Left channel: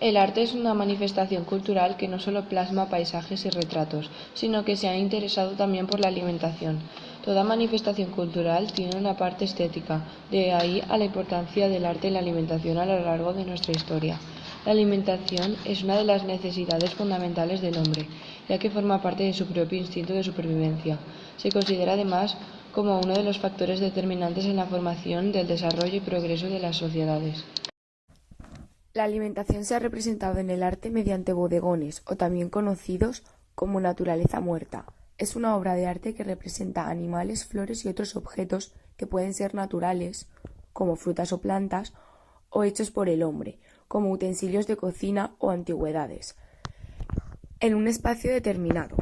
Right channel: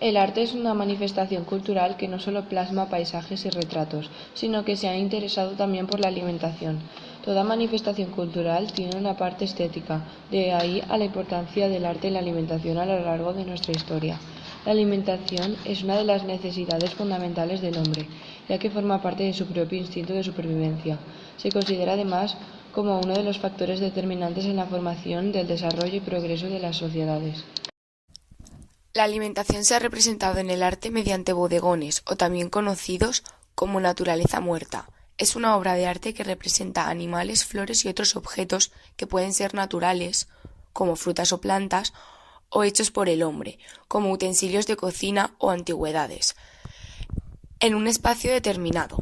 El arte es una manifestación cultural que no solo plasma paisajes y retratos, sino que se ha interesado también por la alimentación. Toda manifestación cultural tiene una parte estética, de ahí a la importancia del arte en la alimentación a lo largo de nuestra historia. La alimentación es una de las necesidades fundamentales del hombre, ya que forma parte de su propio instinto de supervivencia. Se considera además como uno de los factores determinantes en la formación del desarrollo y progreso de las sociedades. La alimentación se ha representado en el arte mediante bodegones, o también conocidos como naturaleza muerta. Es una obra de arte que representa animales, flores y otros objetos que pueden ser naturales, como frutas o plantas, o hechos por el hombre, como utensilios de cocina o antigüedades, en un espacio determinado.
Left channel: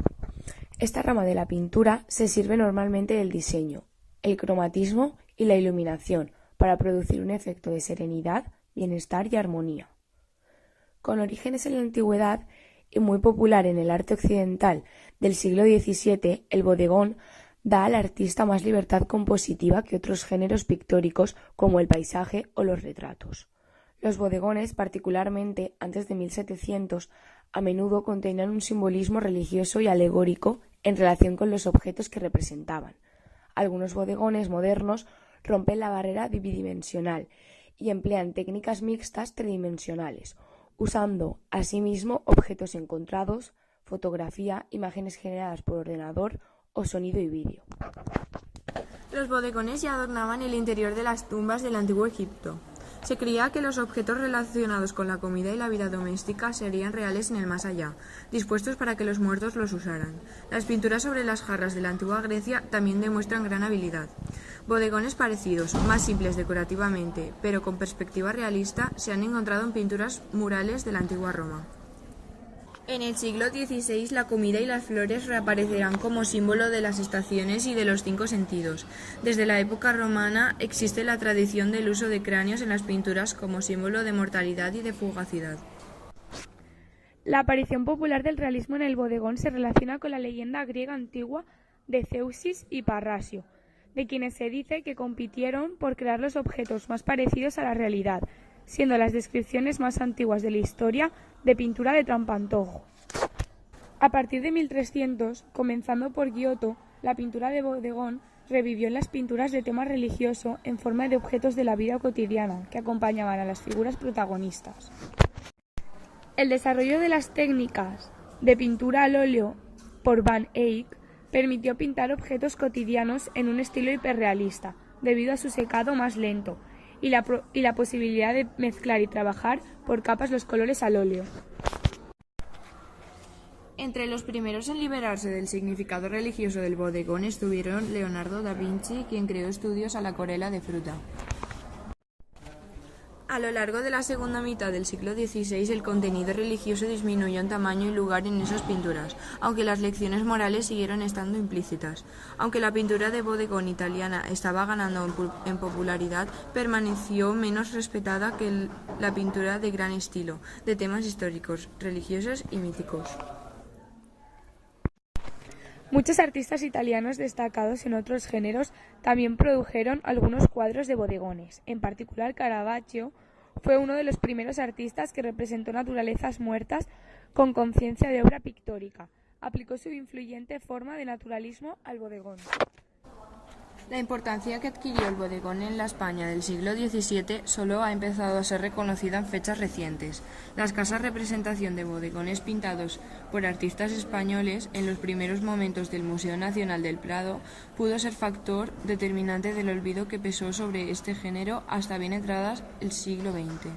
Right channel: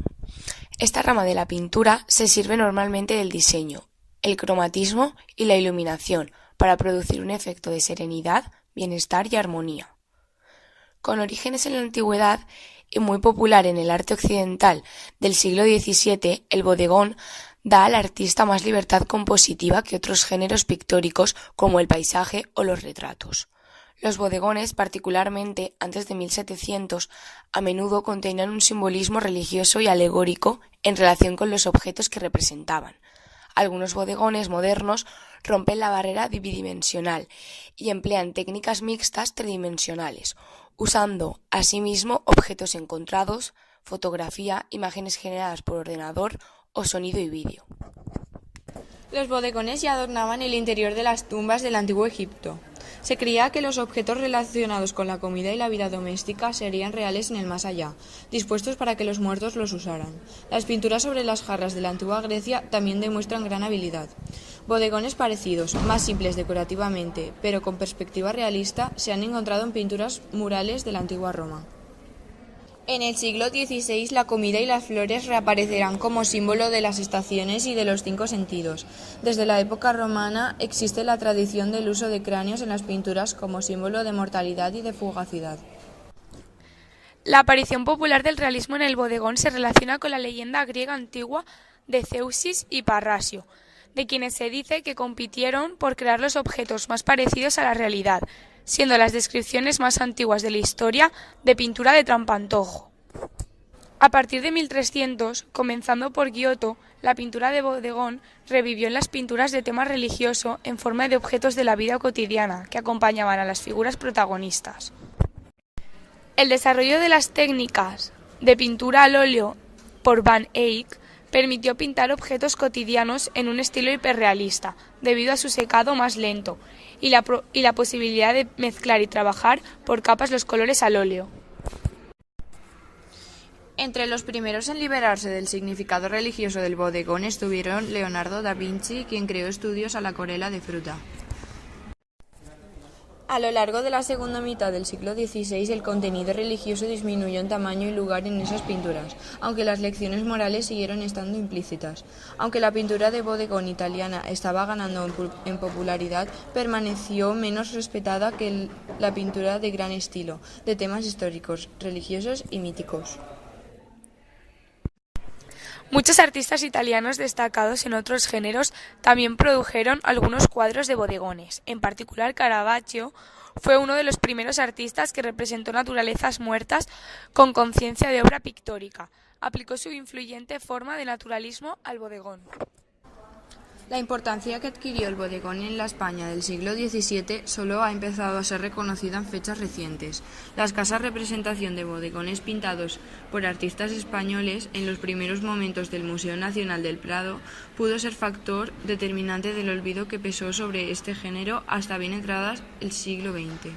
Esta rama de la pintura se sirve normalmente del diseño, el cromatismo y la iluminación para producir un efecto de serenidad, bienestar y armonía. Con orígenes en la antigüedad y muy popular en el arte occidental del siglo XVII, el bodegón da al artista más libertad compositiva que otros géneros pictóricos como el paisaje o los retratos. Los bodegones, particularmente antes de 1700, a menudo contenían un simbolismo religioso y alegórico en relación con los objetos que representaban. Algunos bodegones modernos rompen la barrera bidimensional y emplean técnicas mixtas tridimensionales, usando asimismo objetos encontrados, fotografía, imágenes generadas por ordenador o sonido y vídeo. Los bodegones ya adornaban el interior de las tumbas del antiguo Egipto. Se creía que los objetos relacionados con la comida y la vida doméstica serían reales en el más allá, dispuestos para que los muertos los usaran. Las pinturas sobre las jarras de la antigua Grecia también demuestran gran habilidad. Bodegones parecidos, más simples decorativamente, pero con perspectiva realista, se han encontrado en pinturas murales de la antigua Roma. En el siglo XVI la comida y las flores reaparecerán como símbolo de las estaciones y de los 5 sentidos. Desde la época romana existe la tradición del uso de cráneos en las pinturas como símbolo de mortalidad y de fugacidad. La aparición popular del realismo en el bodegón se relaciona con la leyenda griega antigua de Zeusis y Parrasio, de quienes se dice que compitieron por crear los objetos más parecidos a la realidad, siendo las descripciones más antiguas de la historia de pintura de trampantojo. A partir de 1300, comenzando por Giotto, la pintura de bodegón revivió en las pinturas de tema religioso en forma de objetos de la vida cotidiana que acompañaban a las figuras protagonistas. El desarrollo de las técnicas de pintura al óleo por Van Eyck permitió pintar objetos cotidianos en un estilo hiperrealista, debido a su secado más lento y la posibilidad de mezclar y trabajar por capas los colores al óleo. Entre los primeros en liberarse del significado religioso del bodegón estuvieron Leonardo da Vinci, quien creó estudios a la acuarela de fruta. A lo largo de la segunda mitad del siglo XVI, el contenido religioso disminuyó en tamaño y lugar en esas pinturas, aunque las lecciones morales siguieron estando implícitas. Aunque la pintura de bodegón italiana estaba ganando en popularidad, permaneció menos respetada que la pintura de gran estilo, de temas históricos, religiosos y míticos. Muchos artistas italianos destacados en otros géneros también produjeron algunos cuadros de bodegones. En particular, Caravaggio fue uno de los primeros artistas que representó naturalezas muertas con conciencia de obra pictórica. Aplicó su influyente forma de naturalismo al bodegón. La importancia que adquirió el bodegón en la España del siglo XVII solo ha empezado a ser reconocida en fechas recientes. La escasa representación de bodegones pintados por artistas españoles en los primeros momentos del Museo Nacional del Prado pudo ser factor determinante del olvido que pesó sobre este género hasta bien entradas el siglo XX.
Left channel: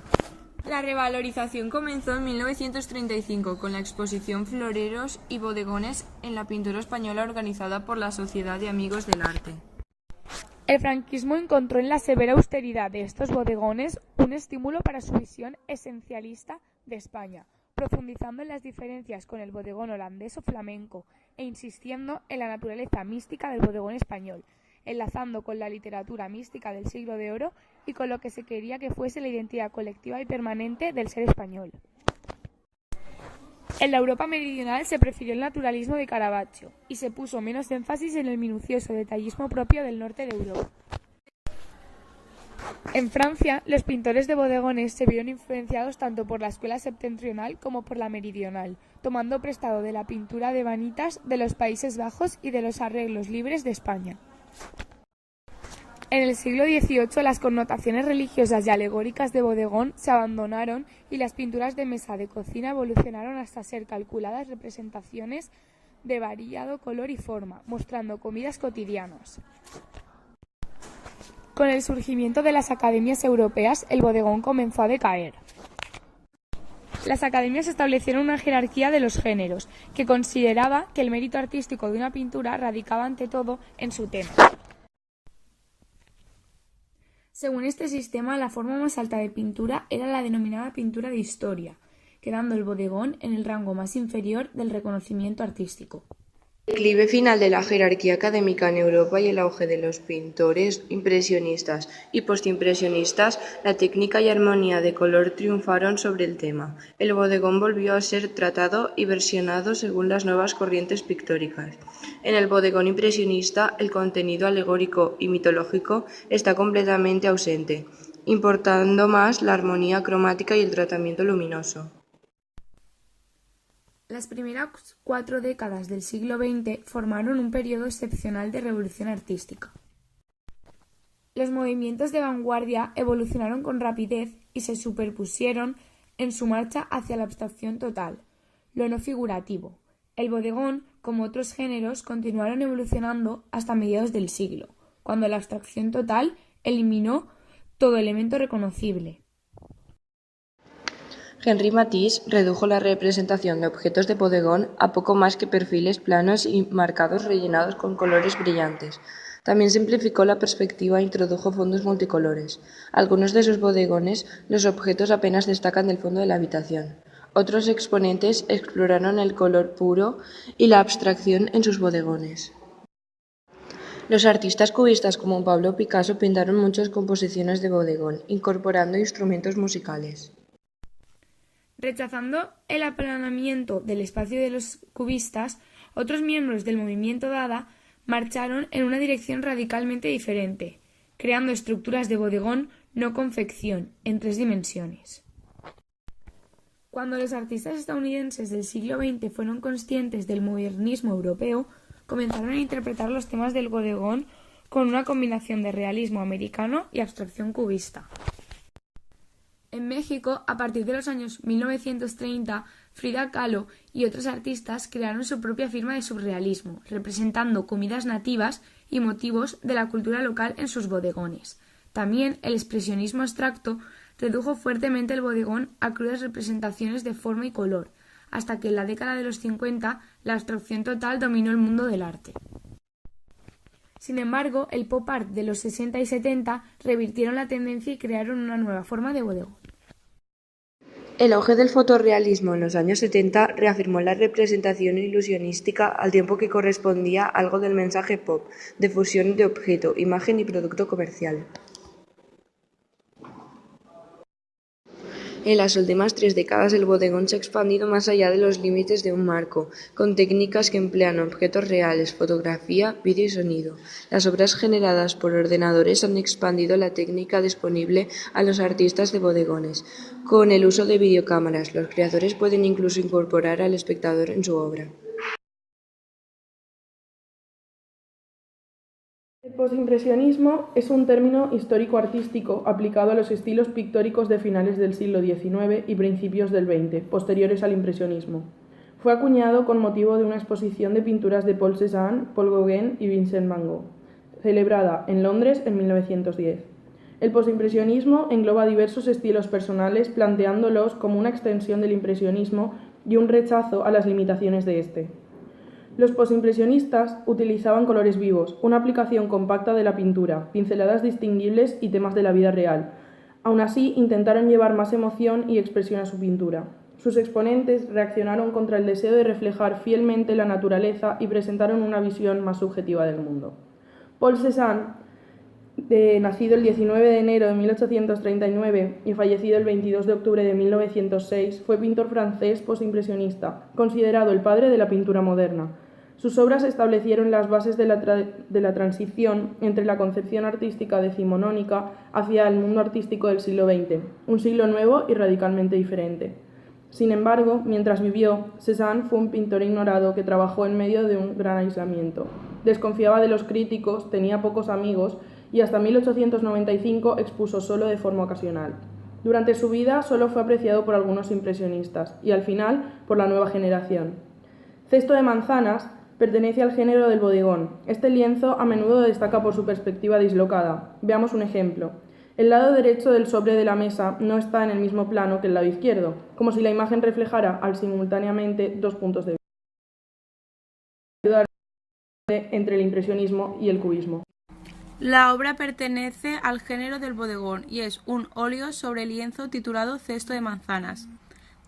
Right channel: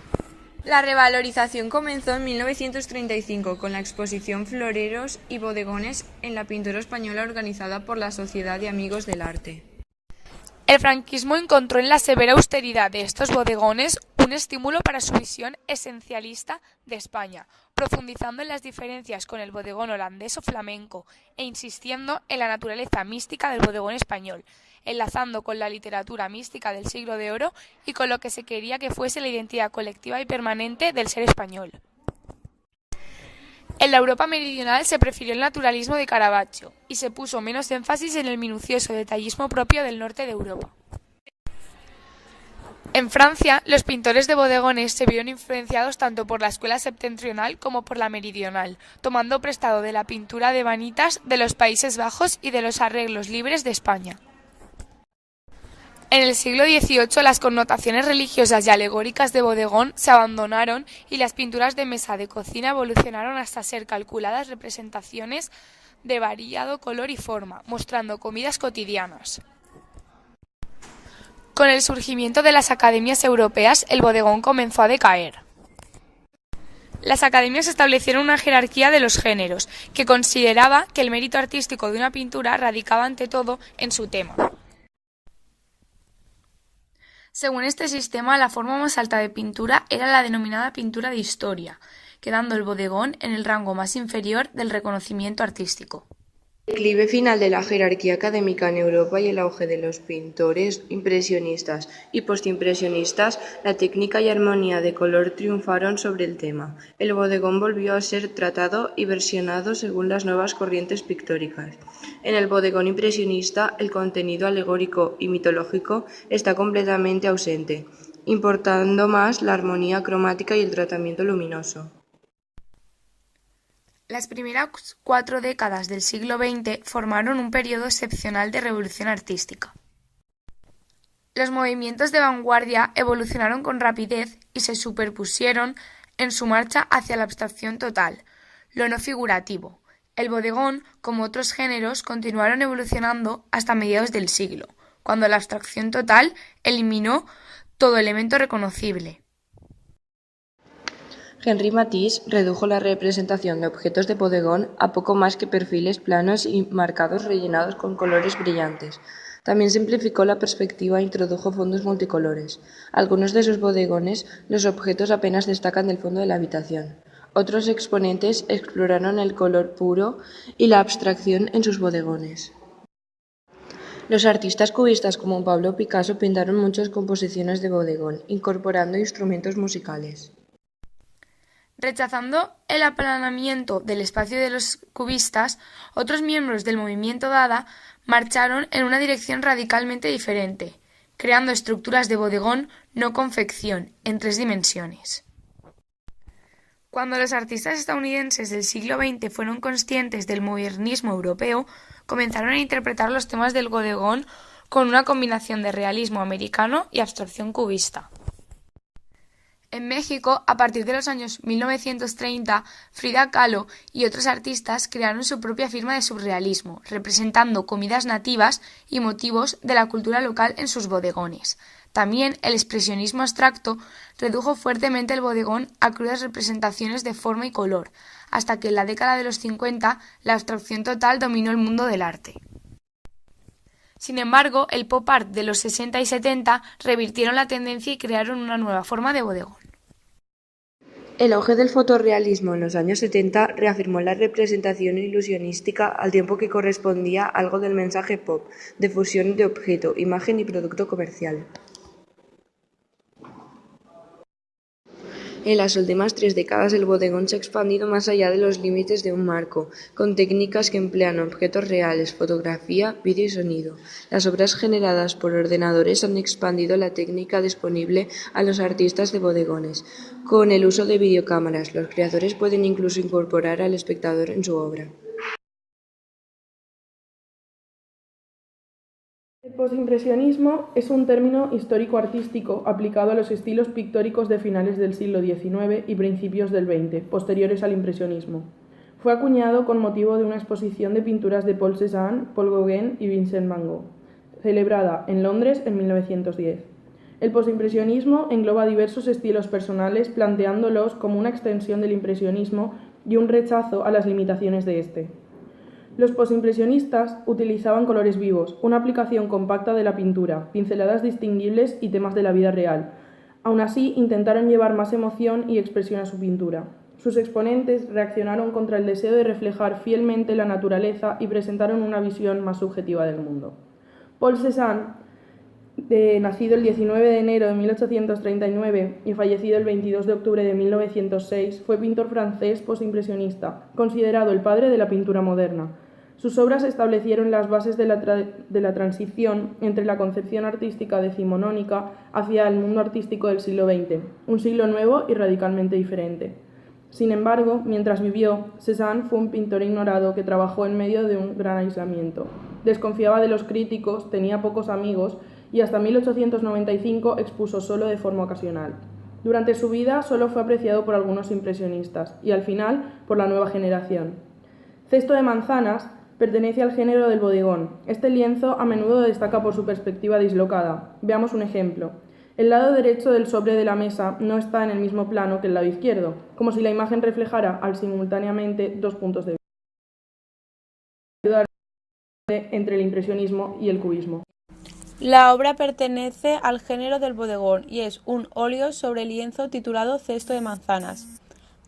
La revalorización comenzó en 1935 con la exposición Floreros y bodegones en la pintura española organizada por la Sociedad de Amigos del Arte. El franquismo encontró en la severa austeridad de estos bodegones un estímulo para su visión esencialista de España, profundizando en las diferencias con el bodegón holandés o flamenco e insistiendo en la naturaleza mística del bodegón español, enlazando con la literatura mística del siglo de oro y con lo que se quería que fuese la identidad colectiva y permanente del ser español. En la Europa meridional se prefirió el naturalismo de Caravaggio y se puso menos énfasis en el minucioso detallismo propio del norte de Europa. En Francia, los pintores de bodegones se vieron influenciados tanto por la escuela septentrional como por la meridional, tomando prestado de la pintura de vanitas de los Países Bajos y de los arreglos libres de España. En el siglo XVIII, las connotaciones religiosas y alegóricas de bodegón se abandonaron y las pinturas de mesa de cocina evolucionaron hasta ser calculadas representaciones de variado color y forma, mostrando comidas cotidianas. Con el surgimiento de las academias europeas, el bodegón comenzó a decaer. Las academias establecieron una jerarquía de los géneros, que consideraba que el mérito artístico de una pintura radicaba ante todo en su tema. Según este sistema, la forma más alta de pintura era la denominada pintura de historia, quedando el bodegón en el rango más inferior del reconocimiento artístico. El declive final de la jerarquía académica en Europa y el auge de los pintores impresionistas y postimpresionistas, la técnica y armonía de color triunfaron sobre el tema. El bodegón volvió a ser tratado y versionado según las nuevas corrientes pictóricas. En el bodegón impresionista, el contenido alegórico y mitológico está completamente ausente, importando más la armonía cromática y el tratamiento luminoso. Las primeras 4 décadas del siglo XX formaron un periodo excepcional de revolución artística. Los movimientos de vanguardia evolucionaron con rapidez y se superpusieron en su marcha hacia la abstracción total, lo no figurativo. El bodegón, como otros géneros, continuaron evolucionando hasta mediados del siglo, cuando la abstracción total eliminó todo elemento reconocible. Henri Matisse redujo la representación de objetos de bodegón a poco más que perfiles planos y marcados rellenados con colores brillantes. También simplificó la perspectiva e introdujo fondos multicolores. Algunos de sus bodegones, los objetos apenas destacan del fondo de la habitación. Otros exponentes exploraron el color puro y la abstracción en sus bodegones. Los artistas cubistas como Pablo Picasso pintaron muchas composiciones de bodegón, incorporando instrumentos musicales. Rechazando el aplanamiento del espacio de los cubistas, otros miembros del movimiento Dada marcharon en una dirección radicalmente diferente, creando estructuras de bodegón no confección en 3 dimensiones. Cuando los artistas estadounidenses del siglo XX fueron conscientes del modernismo europeo, comenzaron a interpretar los temas del bodegón con una combinación de realismo americano y abstracción cubista. En México, a partir de los años 1930, Frida Kahlo y otros artistas crearon su propia firma de surrealismo, representando comidas nativas y motivos de la cultura local en sus bodegones. También el expresionismo abstracto redujo fuertemente el bodegón a crudas representaciones de forma y color, hasta que en la década de los 50 la abstracción total dominó el mundo del arte. Sin embargo, el pop art de los 60 y 70 revirtieron la tendencia y crearon una nueva forma de bodegón. El auge del fotorrealismo en los años 70 reafirmó la representación ilusionística al tiempo que correspondía algo del mensaje pop, de fusión de objeto, imagen y producto comercial. En las últimas 3 décadas el bodegón se ha expandido más allá de los límites de un marco, con técnicas que emplean objetos reales, fotografía, vídeo y sonido. Las obras generadas por ordenadores han expandido la técnica disponible a los artistas de bodegones. Con el uso de videocámaras, los creadores pueden incluso incorporar al espectador en su obra. El postimpresionismo es un término histórico-artístico aplicado a los estilos pictóricos de finales del siglo XIX y principios del XX, posteriores al impresionismo. Fue acuñado con motivo de una exposición de pinturas de Paul Cézanne, Paul Gauguin y Vincent van Gogh, celebrada en Londres en 1910. El postimpresionismo engloba diversos estilos personales, planteándolos como una extensión del impresionismo y un rechazo a las limitaciones de este. Los postimpresionistas utilizaban colores vivos, una aplicación compacta de la pintura, pinceladas distinguibles y temas de la vida real. Aún así, intentaron llevar más emoción y expresión a su pintura. Sus exponentes reaccionaron contra el deseo de reflejar fielmente la naturaleza y presentaron una visión más subjetiva del mundo. Paul Cézanne, nacido el 19 de enero de 1839 y fallecido el 22 de octubre de 1906, fue pintor francés postimpresionista, considerado el padre de la pintura moderna. Sus obras establecieron las bases de la transición entre la concepción artística decimonónica hacia el mundo artístico del siglo XX, un siglo nuevo y radicalmente diferente. Sin embargo, mientras vivió, Cézanne fue un pintor ignorado que trabajó en medio de un gran aislamiento. Desconfiaba de los críticos, tenía pocos amigos y hasta 1895 expuso solo de forma ocasional. Durante su vida solo fue apreciado por algunos impresionistas y al final por la nueva generación. Cesto de manzanas pertenece al género del bodegón. Este lienzo a menudo destaca por su perspectiva dislocada. Veamos un ejemplo. El lado derecho del sobre de la mesa no está en el mismo plano que el lado izquierdo, como si la imagen reflejara simultáneamente dos puntos de vista entre el impresionismo y el cubismo. La obra pertenece al género del bodegón y es un óleo sobre lienzo titulado Cesto de manzanas.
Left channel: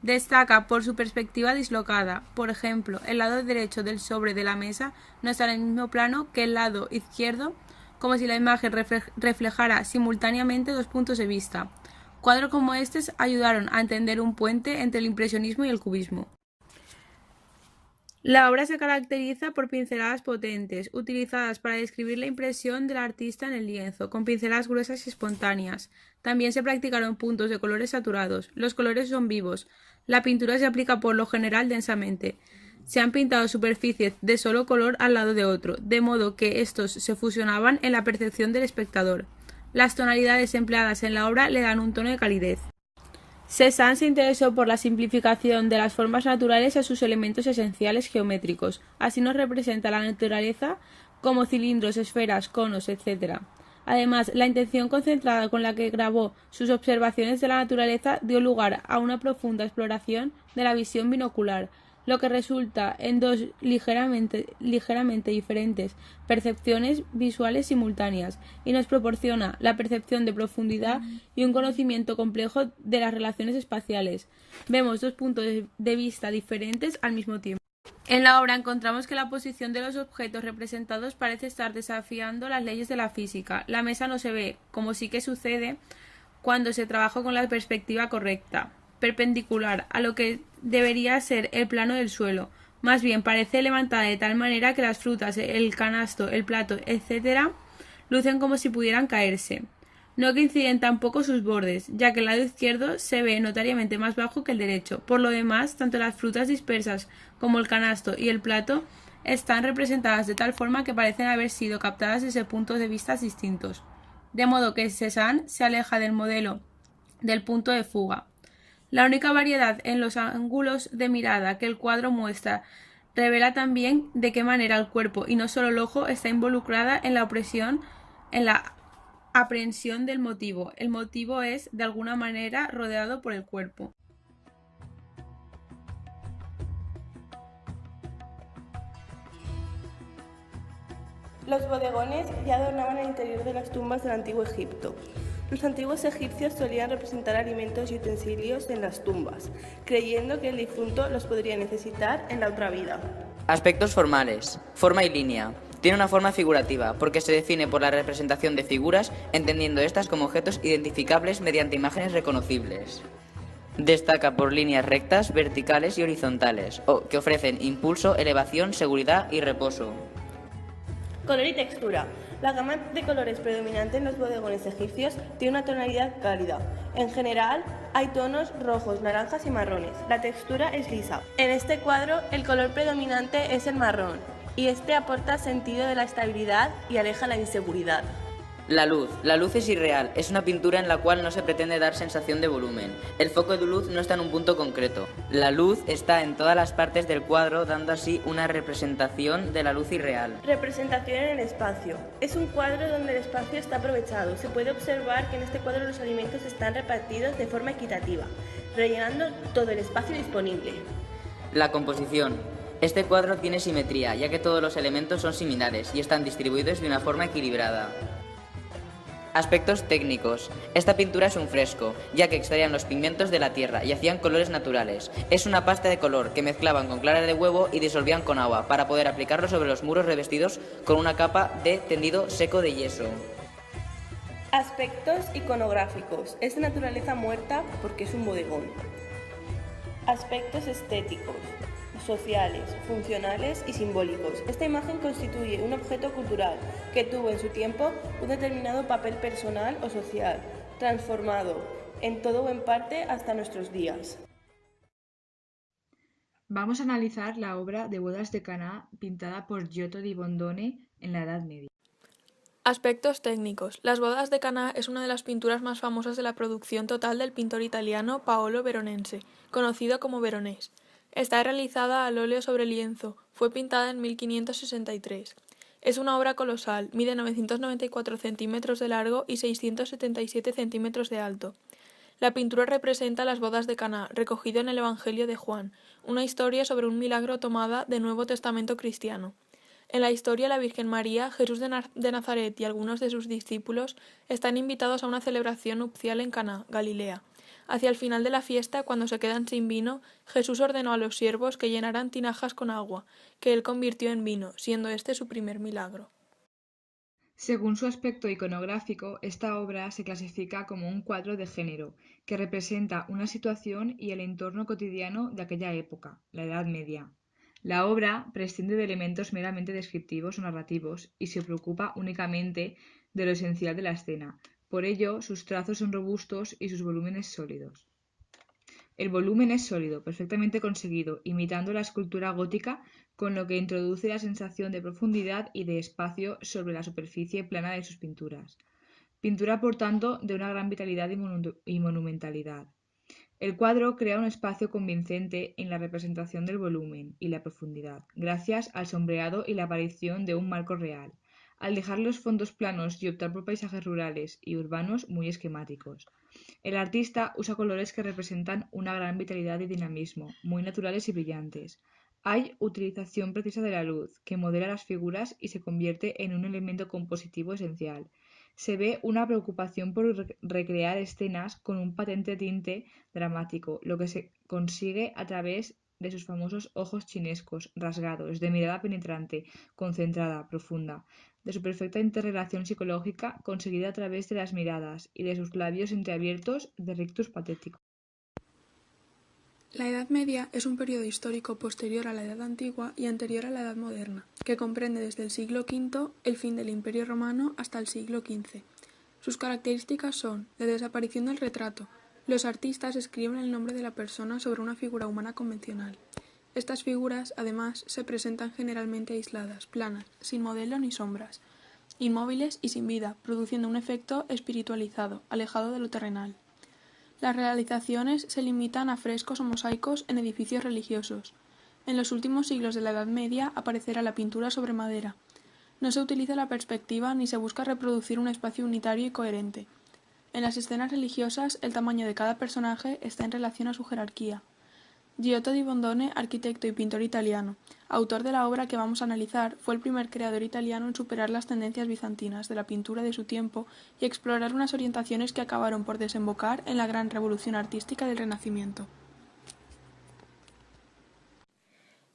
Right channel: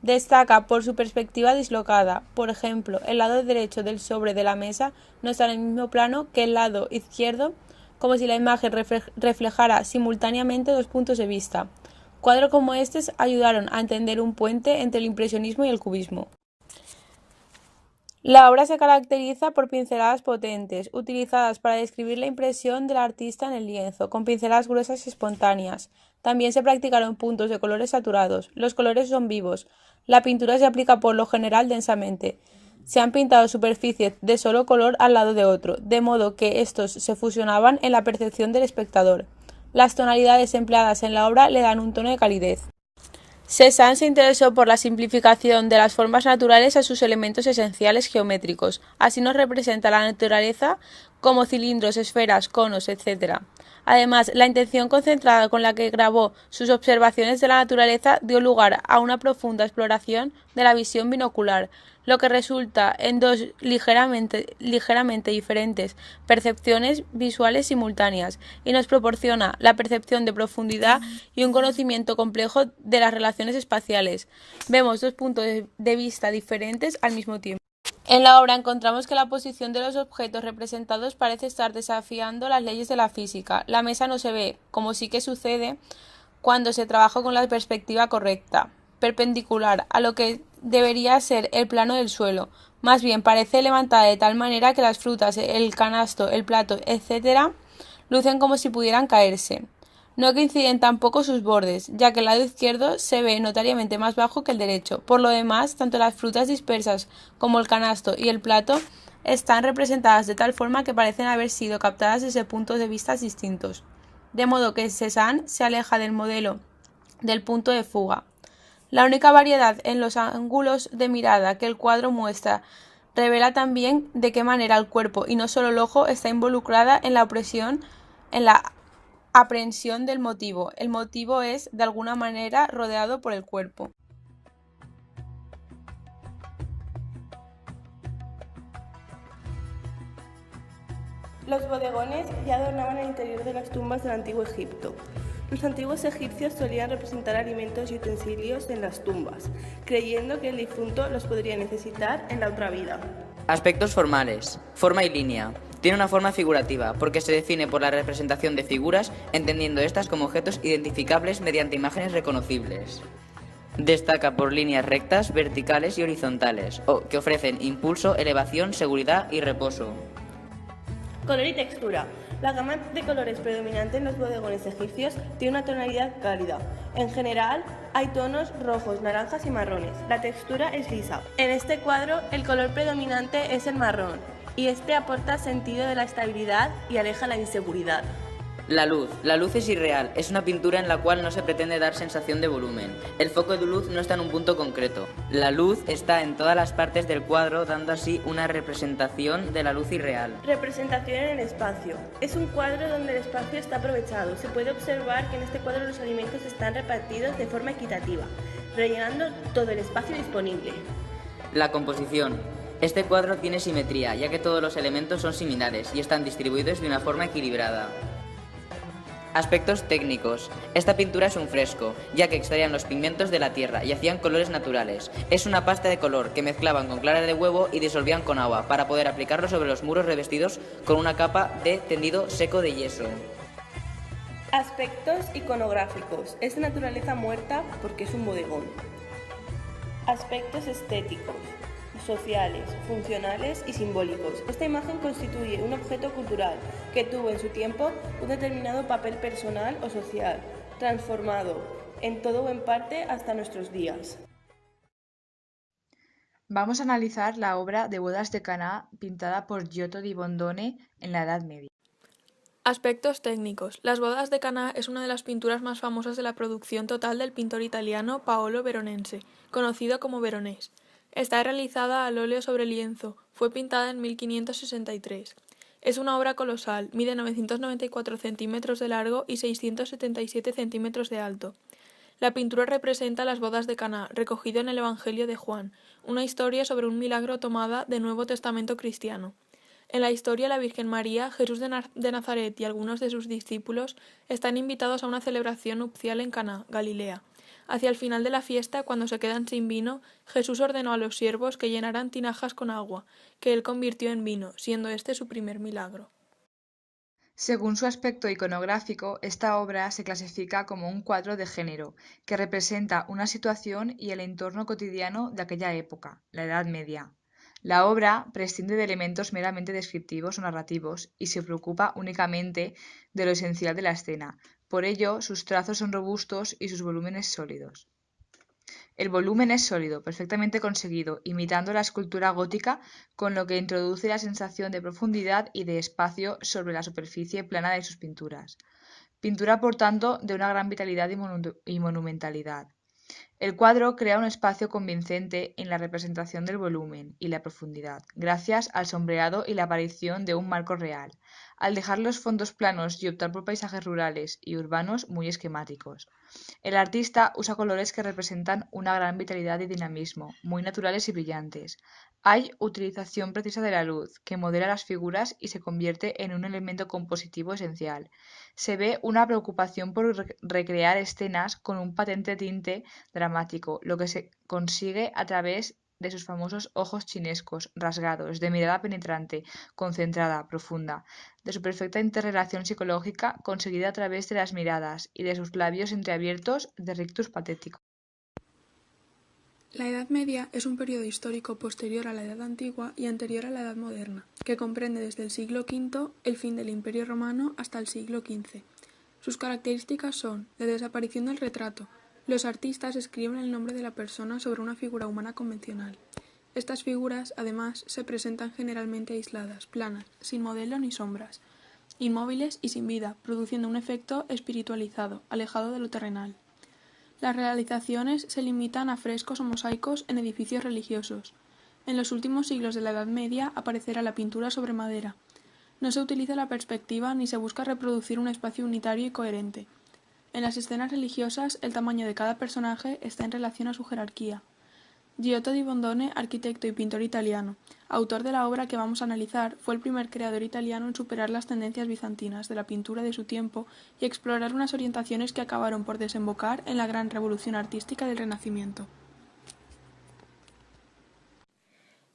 Destaca por su perspectiva dislocada. Por ejemplo, el lado derecho del sobre de la mesa no está en el mismo plano que el lado izquierdo, como si la imagen reflejara simultáneamente dos puntos de vista. Cuadros como estos ayudaron a entender un puente entre el impresionismo y el cubismo. La obra se caracteriza por pinceladas potentes, utilizadas para describir la impresión del artista en el lienzo, con pinceladas gruesas y espontáneas. También se practicaron puntos de colores saturados. Los colores son vivos. La pintura se aplica por lo general densamente. Se han pintado superficies de solo color al lado de otro, de modo que estos se fusionaban en la percepción del espectador. Las tonalidades empleadas en la obra le dan un tono de calidez. Cézanne se interesó por la simplificación de las formas naturales a sus elementos esenciales geométricos. Así nos representa la naturaleza como cilindros, esferas, conos, etc. Además, la intención concentrada con la que grabó sus observaciones de la naturaleza dio lugar a una profunda exploración de la visión binocular, lo que resulta en dos ligeramente diferentes percepciones visuales simultáneas y nos proporciona la percepción de profundidad y un conocimiento complejo de las relaciones espaciales. Vemos dos puntos de vista diferentes al mismo tiempo. En la obra encontramos que la posición de los objetos representados parece estar desafiando las leyes de la física. La mesa no se ve, como sí que sucede cuando se trabaja con la perspectiva correcta, perpendicular a lo que debería ser el plano del suelo. Más bien parece levantada de tal manera que las frutas, el canasto, el plato, etc. lucen como si pudieran caerse. No coinciden tampoco sus bordes, ya que el lado izquierdo se ve notoriamente más bajo que el derecho. Por lo demás, tanto las frutas dispersas como el canasto y el plato están representadas de tal forma que parecen haber sido captadas desde puntos de vista distintos. De modo que Cézanne se aleja del modelo del punto de fuga. La única variedad en los ángulos de mirada que el cuadro muestra revela también de qué manera el cuerpo y no solo el ojo está involucrada en la aprehensión del motivo. El motivo es, de alguna manera, rodeado por el cuerpo. Los bodegones ya adornaban el interior de las tumbas del antiguo Egipto. Los antiguos egipcios solían representar alimentos y utensilios en las tumbas, creyendo que el difunto los podría necesitar en la otra vida. Aspectos formales. Forma y línea. Tiene una forma figurativa, porque se define por la representación de figuras, entendiendo estas como objetos identificables mediante imágenes reconocibles. Destaca por líneas rectas, verticales y horizontales, que ofrecen impulso, elevación, seguridad y reposo. Color y textura. La gama de colores predominante en los bodegones egipcios tiene una tonalidad cálida. En general, hay tonos rojos, naranjas y marrones. La textura es lisa. En este cuadro, el color predominante es el marrón, y este aporta sentido de la estabilidad y aleja la inseguridad. La luz. La luz es irreal. Es una pintura en la cual no se pretende dar sensación de volumen. El foco de luz no está en un punto concreto. La luz está en todas las partes del cuadro, dando así una representación de la luz irreal. Representación en el espacio. Es un cuadro donde el espacio está aprovechado. Se puede observar que en este cuadro los alimentos están repartidos de forma equitativa, rellenando todo el espacio disponible. La composición. Este cuadro tiene simetría, ya que todos los elementos son similares y están distribuidos de una forma equilibrada. Aspectos técnicos. Esta pintura es un fresco, ya que extraían los pigmentos de la tierra y hacían colores naturales. Es una pasta de color que mezclaban con clara de huevo y disolvían con agua para poder aplicarlo sobre los muros revestidos con una capa de tendido seco de yeso. Aspectos iconográficos. Es de naturaleza muerta porque es un bodegón. Aspectos estéticos. sociales, funcionales y simbólicos. Esta imagen constituye un objeto cultural que tuvo en su tiempo un determinado papel personal o social, transformado en todo o en parte hasta nuestros días. Vamos a analizar la obra de Bodas de Caná pintada por Giotto di Bondone en la Edad Media. Aspectos técnicos. Las bodas de Caná es una de las pinturas más famosas de la producción total del pintor italiano Paolo Veronese, conocido como Veronés. Está realizada al óleo sobre lienzo. Fue pintada en 1563. Es una obra colosal. Mide 994 centímetros de largo y 677 centímetros de alto. La pintura representa las bodas de Caná, recogido en el Evangelio de Juan, una historia sobre un milagro tomada del Nuevo Testamento cristiano. En la historia, la Virgen María, Jesús de Nazaret y algunos de sus discípulos están invitados a una celebración nupcial en Caná, Galilea. Hacia el final de la fiesta, cuando se quedan sin vino, Jesús ordenó a los siervos que llenaran tinajas con agua, que él convirtió en vino, siendo este su primer milagro. Según su aspecto iconográfico, esta obra se clasifica como un cuadro de género, que representa una situación y el entorno cotidiano de aquella época, la Edad Media. La obra prescinde de elementos meramente descriptivos o narrativos y se preocupa únicamente de lo esencial de la escena. Por ello, sus trazos son robustos y sus volúmenes sólidos. El volumen es sólido, perfectamente conseguido, imitando la escultura gótica, con lo que introduce la sensación de profundidad y de espacio sobre la superficie plana de sus pinturas. Pintura, por tanto, de una gran vitalidad y monumentalidad. El cuadro crea un espacio convincente en la representación del volumen y la profundidad, gracias al sombreado y la aparición de un marco real, al dejar los fondos planos y optar por paisajes rurales y urbanos muy esquemáticos. El artista usa colores que representan una gran vitalidad y dinamismo, muy naturales y brillantes. Hay utilización precisa de la luz, que modela las figuras y se convierte en un elemento compositivo esencial. Se ve una preocupación por recrear escenas con un patente tinte dramático, lo que se consigue a través de sus famosos ojos chinescos, rasgados, de mirada penetrante, concentrada, profunda, de su perfecta interrelación psicológica conseguida a través de las miradas y de sus labios entreabiertos de rictus patético. La Edad Media es un periodo histórico posterior a la Edad Antigua y anterior a la Edad Moderna, que comprende desde el siglo V, el fin del Imperio Romano, hasta el siglo XV. Sus características son la desaparición del retrato. Los artistas escriben el nombre de la persona sobre una figura humana convencional. Estas figuras, además, se presentan generalmente aisladas, planas, sin modelo ni sombras, inmóviles y sin vida, produciendo un efecto espiritualizado, alejado de lo terrenal. Las realizaciones se limitan a frescos o mosaicos en edificios religiosos. En los últimos siglos de la Edad Media aparecerá la pintura sobre madera. No se utiliza la perspectiva ni se busca reproducir un espacio unitario y coherente. En las escenas religiosas, el tamaño de cada personaje está en relación a su jerarquía. Giotto di Bondone, arquitecto y pintor italiano, autor de la obra que vamos a analizar, fue el primer creador italiano en superar las tendencias bizantinas de la pintura de su tiempo y explorar unas orientaciones que acabaron por desembocar en la gran revolución artística del Renacimiento.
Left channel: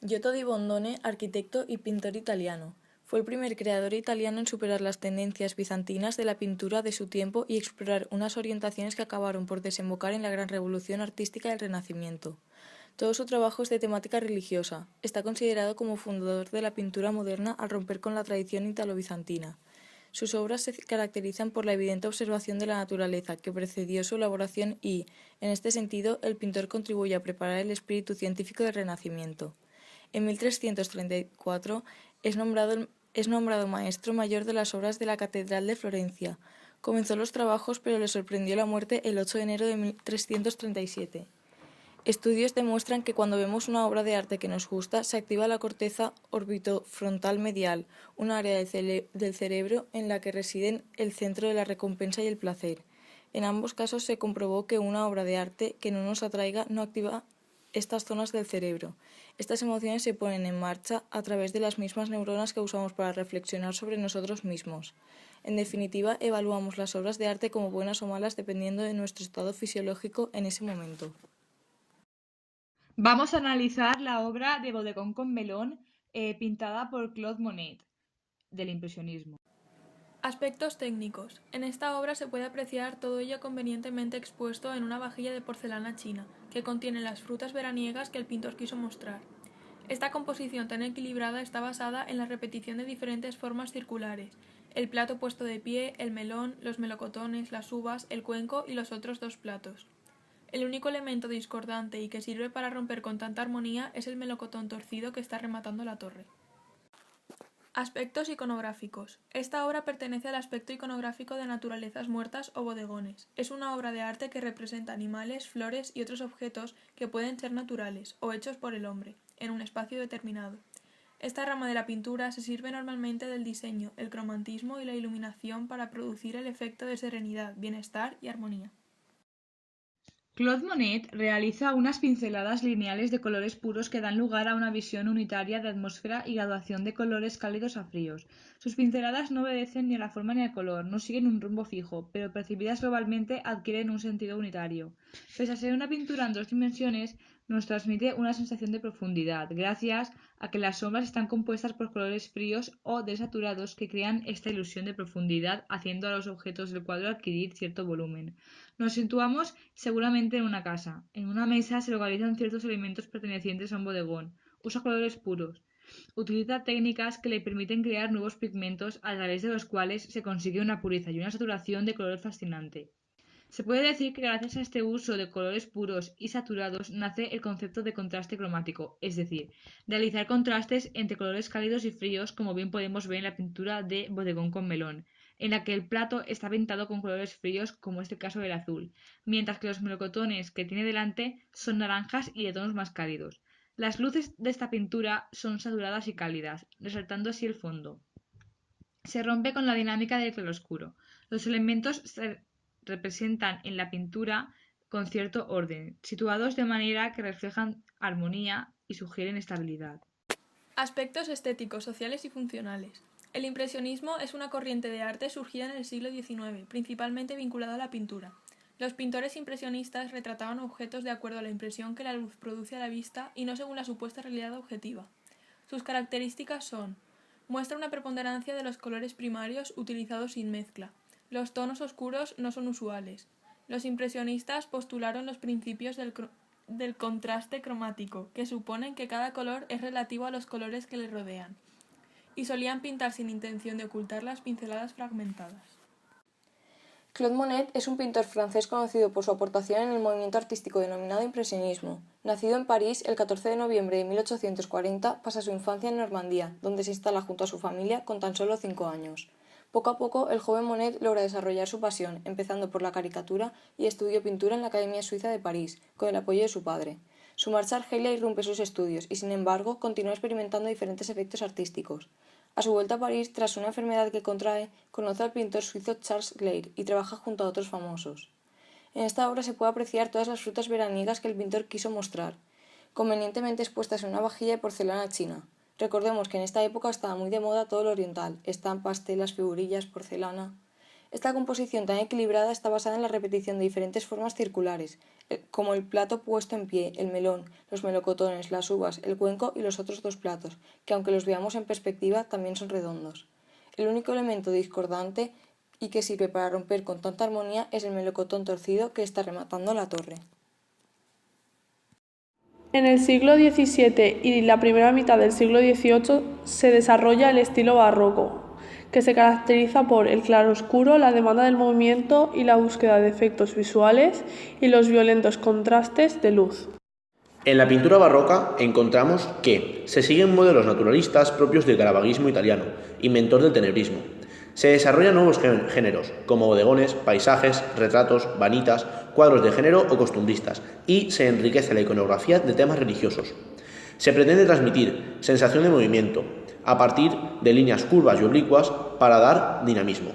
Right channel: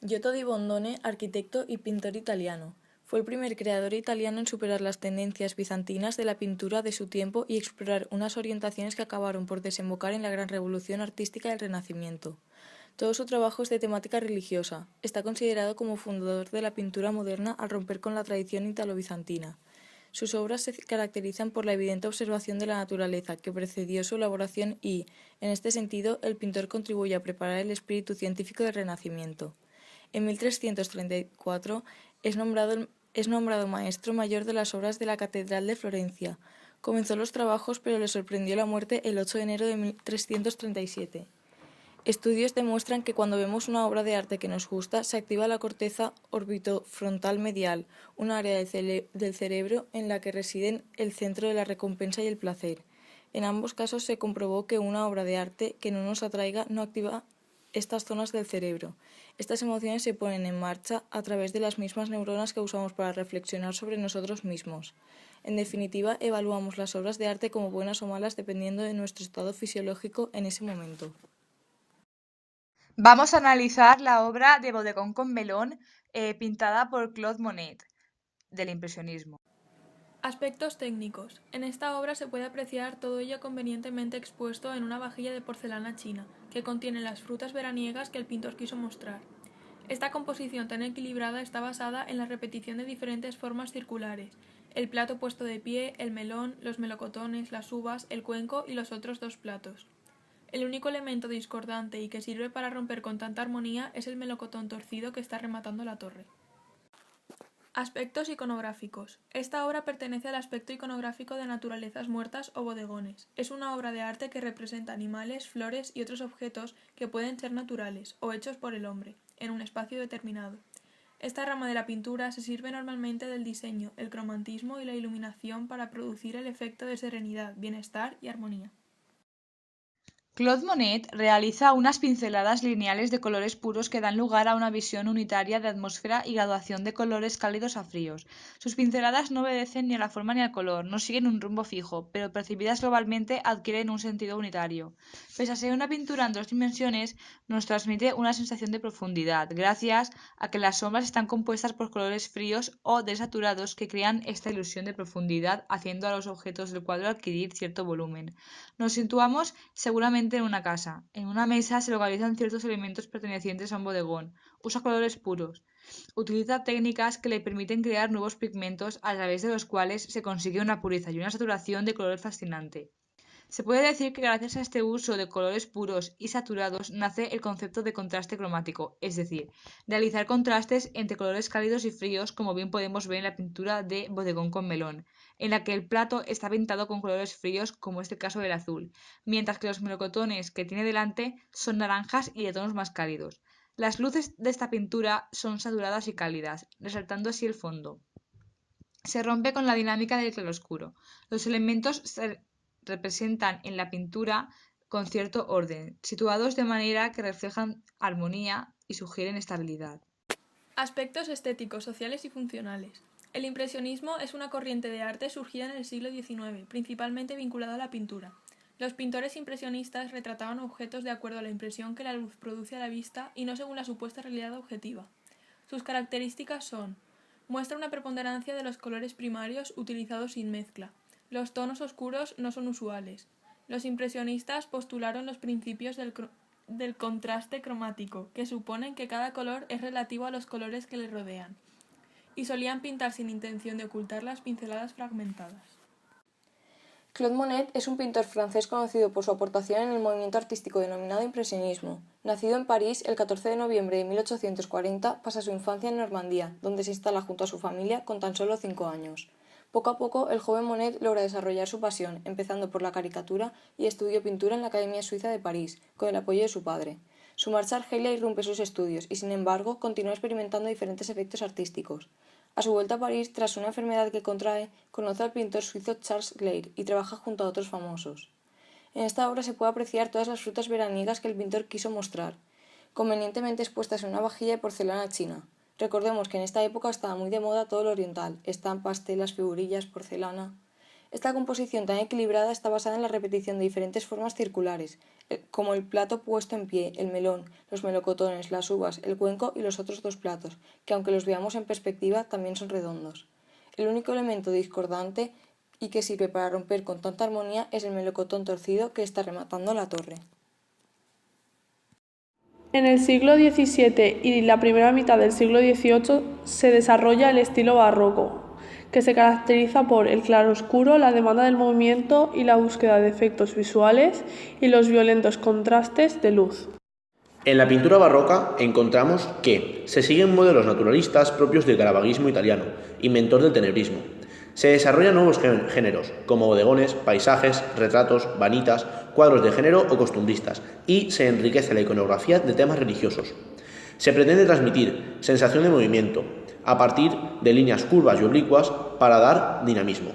Giotto di Bondone, arquitecto y pintor italiano, fue el primer creador italiano en superar las tendencias bizantinas de la pintura de su tiempo y explorar unas orientaciones que acabaron por desembocar en la gran revolución artística del Renacimiento. Todo su trabajo es de temática religiosa. Está considerado como fundador de la pintura moderna al romper con la tradición italo-bizantina. Sus obras se caracterizan por la evidente observación de la naturaleza que precedió su elaboración y, en este sentido, el pintor contribuye a preparar el espíritu científico del Renacimiento. En 1334 es nombrado maestro mayor de las obras de la Catedral de Florencia. Comenzó los trabajos, pero le sorprendió la muerte el 8 de enero de 1337. Estudios demuestran que cuando vemos una obra de arte que nos gusta, se activa la corteza orbitofrontal medial, un área del cerebro en la que residen el centro de la recompensa y el placer. En ambos casos se comprobó que una obra de arte que no nos atraiga no activa estas zonas del cerebro. Estas emociones se ponen en marcha a través de las mismas neuronas que usamos para reflexionar sobre nosotros mismos. En definitiva, evaluamos las obras de arte como buenas o malas dependiendo de nuestro estado fisiológico en ese momento. Vamos a analizar la obra de Bodegón con Melón, pintada por Claude Monet, del impresionismo. Aspectos técnicos. En esta obra se puede apreciar todo ello convenientemente expuesto en una vajilla de porcelana china, que contiene las frutas veraniegas que el pintor quiso mostrar. Esta composición tan equilibrada está basada en la repetición de diferentes formas circulares: el plato puesto de pie, el melón, los melocotones, las uvas, el cuenco y los otros dos platos. El único elemento discordante y que sirve para romper con tanta armonía es el melocotón torcido que está rematando la torre. Aspectos iconográficos. Esta obra pertenece al aspecto iconográfico de naturalezas muertas o bodegones. Es una obra de arte que representa animales, flores y otros objetos que pueden ser naturales o hechos por el hombre, en un espacio determinado. Esta rama de la pintura se sirve normalmente del diseño, el cromatismo y la iluminación para producir el efecto de serenidad, bienestar y armonía. Claude Monet realiza unas pinceladas lineales de colores puros que dan lugar a una visión unitaria de atmósfera y graduación de colores cálidos a fríos. Sus pinceladas no obedecen ni a la forma ni al color, no siguen un rumbo fijo, pero percibidas globalmente adquieren un sentido unitario. Pese a ser una pintura en 2 dimensiones, nos transmite una sensación de profundidad, gracias a que las sombras están compuestas por colores fríos o desaturados que crean esta ilusión de profundidad, haciendo a los objetos del cuadro adquirir cierto volumen. Nos situamos seguramente en una casa. En una mesa se localizan ciertos elementos pertenecientes a un bodegón. Usa colores puros. Utiliza técnicas que le permiten crear nuevos pigmentos a través de los cuales se consigue una pureza y una saturación de color fascinante. Se puede decir que gracias a este uso de colores puros y saturados nace el concepto de contraste cromático, es decir, realizar contrastes entre colores cálidos y fríos, como bien podemos ver en la pintura de Bodegón con melón, en la que el plato está pintado con colores fríos, como es el caso del azul, mientras que los melocotones que tiene delante son naranjas y de tonos más cálidos. Las luces de esta pintura son saturadas y cálidas, resaltando así el fondo. Se rompe con la dinámica del claroscuro. Los elementos se representan en la pintura con cierto orden, situados de manera que reflejan armonía y sugieren estabilidad. Aspectos estéticos, sociales y funcionales. El impresionismo es una corriente de arte surgida en el siglo XIX, principalmente vinculada a la pintura. Los pintores impresionistas retrataban objetos de acuerdo a la impresión que la luz produce a la vista y no según la supuesta realidad objetiva. Sus características son: muestra una preponderancia de los colores primarios utilizados sin mezcla. Los tonos oscuros no son usuales. Los impresionistas postularon los principios del contraste cromático, que suponen que cada color es relativo a los colores que le rodean, y solían pintar sin intención de ocultar las pinceladas fragmentadas. Claude Monet es un pintor francés conocido por su aportación en el movimiento artístico denominado impresionismo. Nacido en París el 14 de noviembre de 1840, pasa su infancia en Normandía, donde se instala junto a su familia con tan solo 5 años. Poco a poco, el joven Monet logra desarrollar su pasión, empezando por la caricatura y estudió pintura en la Academia Suiza de París, con el apoyo de su padre. Su marcha a Argelia irrumpe sus estudios y, sin embargo, continúa experimentando diferentes efectos artísticos. A su vuelta a París, tras una enfermedad que contrae, conoce al pintor suizo Charles Clair y trabaja junto a otros famosos. En esta obra se puede apreciar todas las frutas veraniegas que el pintor quiso mostrar, convenientemente expuestas en una vajilla de porcelana china. Recordemos que en esta época estaba muy de moda todo lo oriental: estampas, telas, figurillas, porcelana. Esta composición tan equilibrada está basada en la repetición de diferentes formas circulares, como el plato puesto en pie, el melón, los melocotones, las uvas, el cuenco y los otros dos platos, que aunque los veamos en perspectiva también son redondos. El único elemento discordante y que sirve para romper con tanta armonía es el melocotón torcido que está rematando la torre. En el siglo XVII y la primera mitad del siglo XVIII se desarrolla el estilo barroco, que se caracteriza por el claroscuro, la demanda del movimiento y la búsqueda de efectos visuales y los violentos contrastes de luz. En la pintura barroca encontramos que se siguen modelos naturalistas propios del caravagismo italiano, inventor del tenebrismo. Se desarrollan nuevos géneros, como bodegones, paisajes, retratos, vanitas, cuadros de género o costumbristas, y se enriquece la iconografía de temas religiosos. Se pretende transmitir sensación de movimiento, a partir de líneas curvas y oblicuas para dar dinamismo.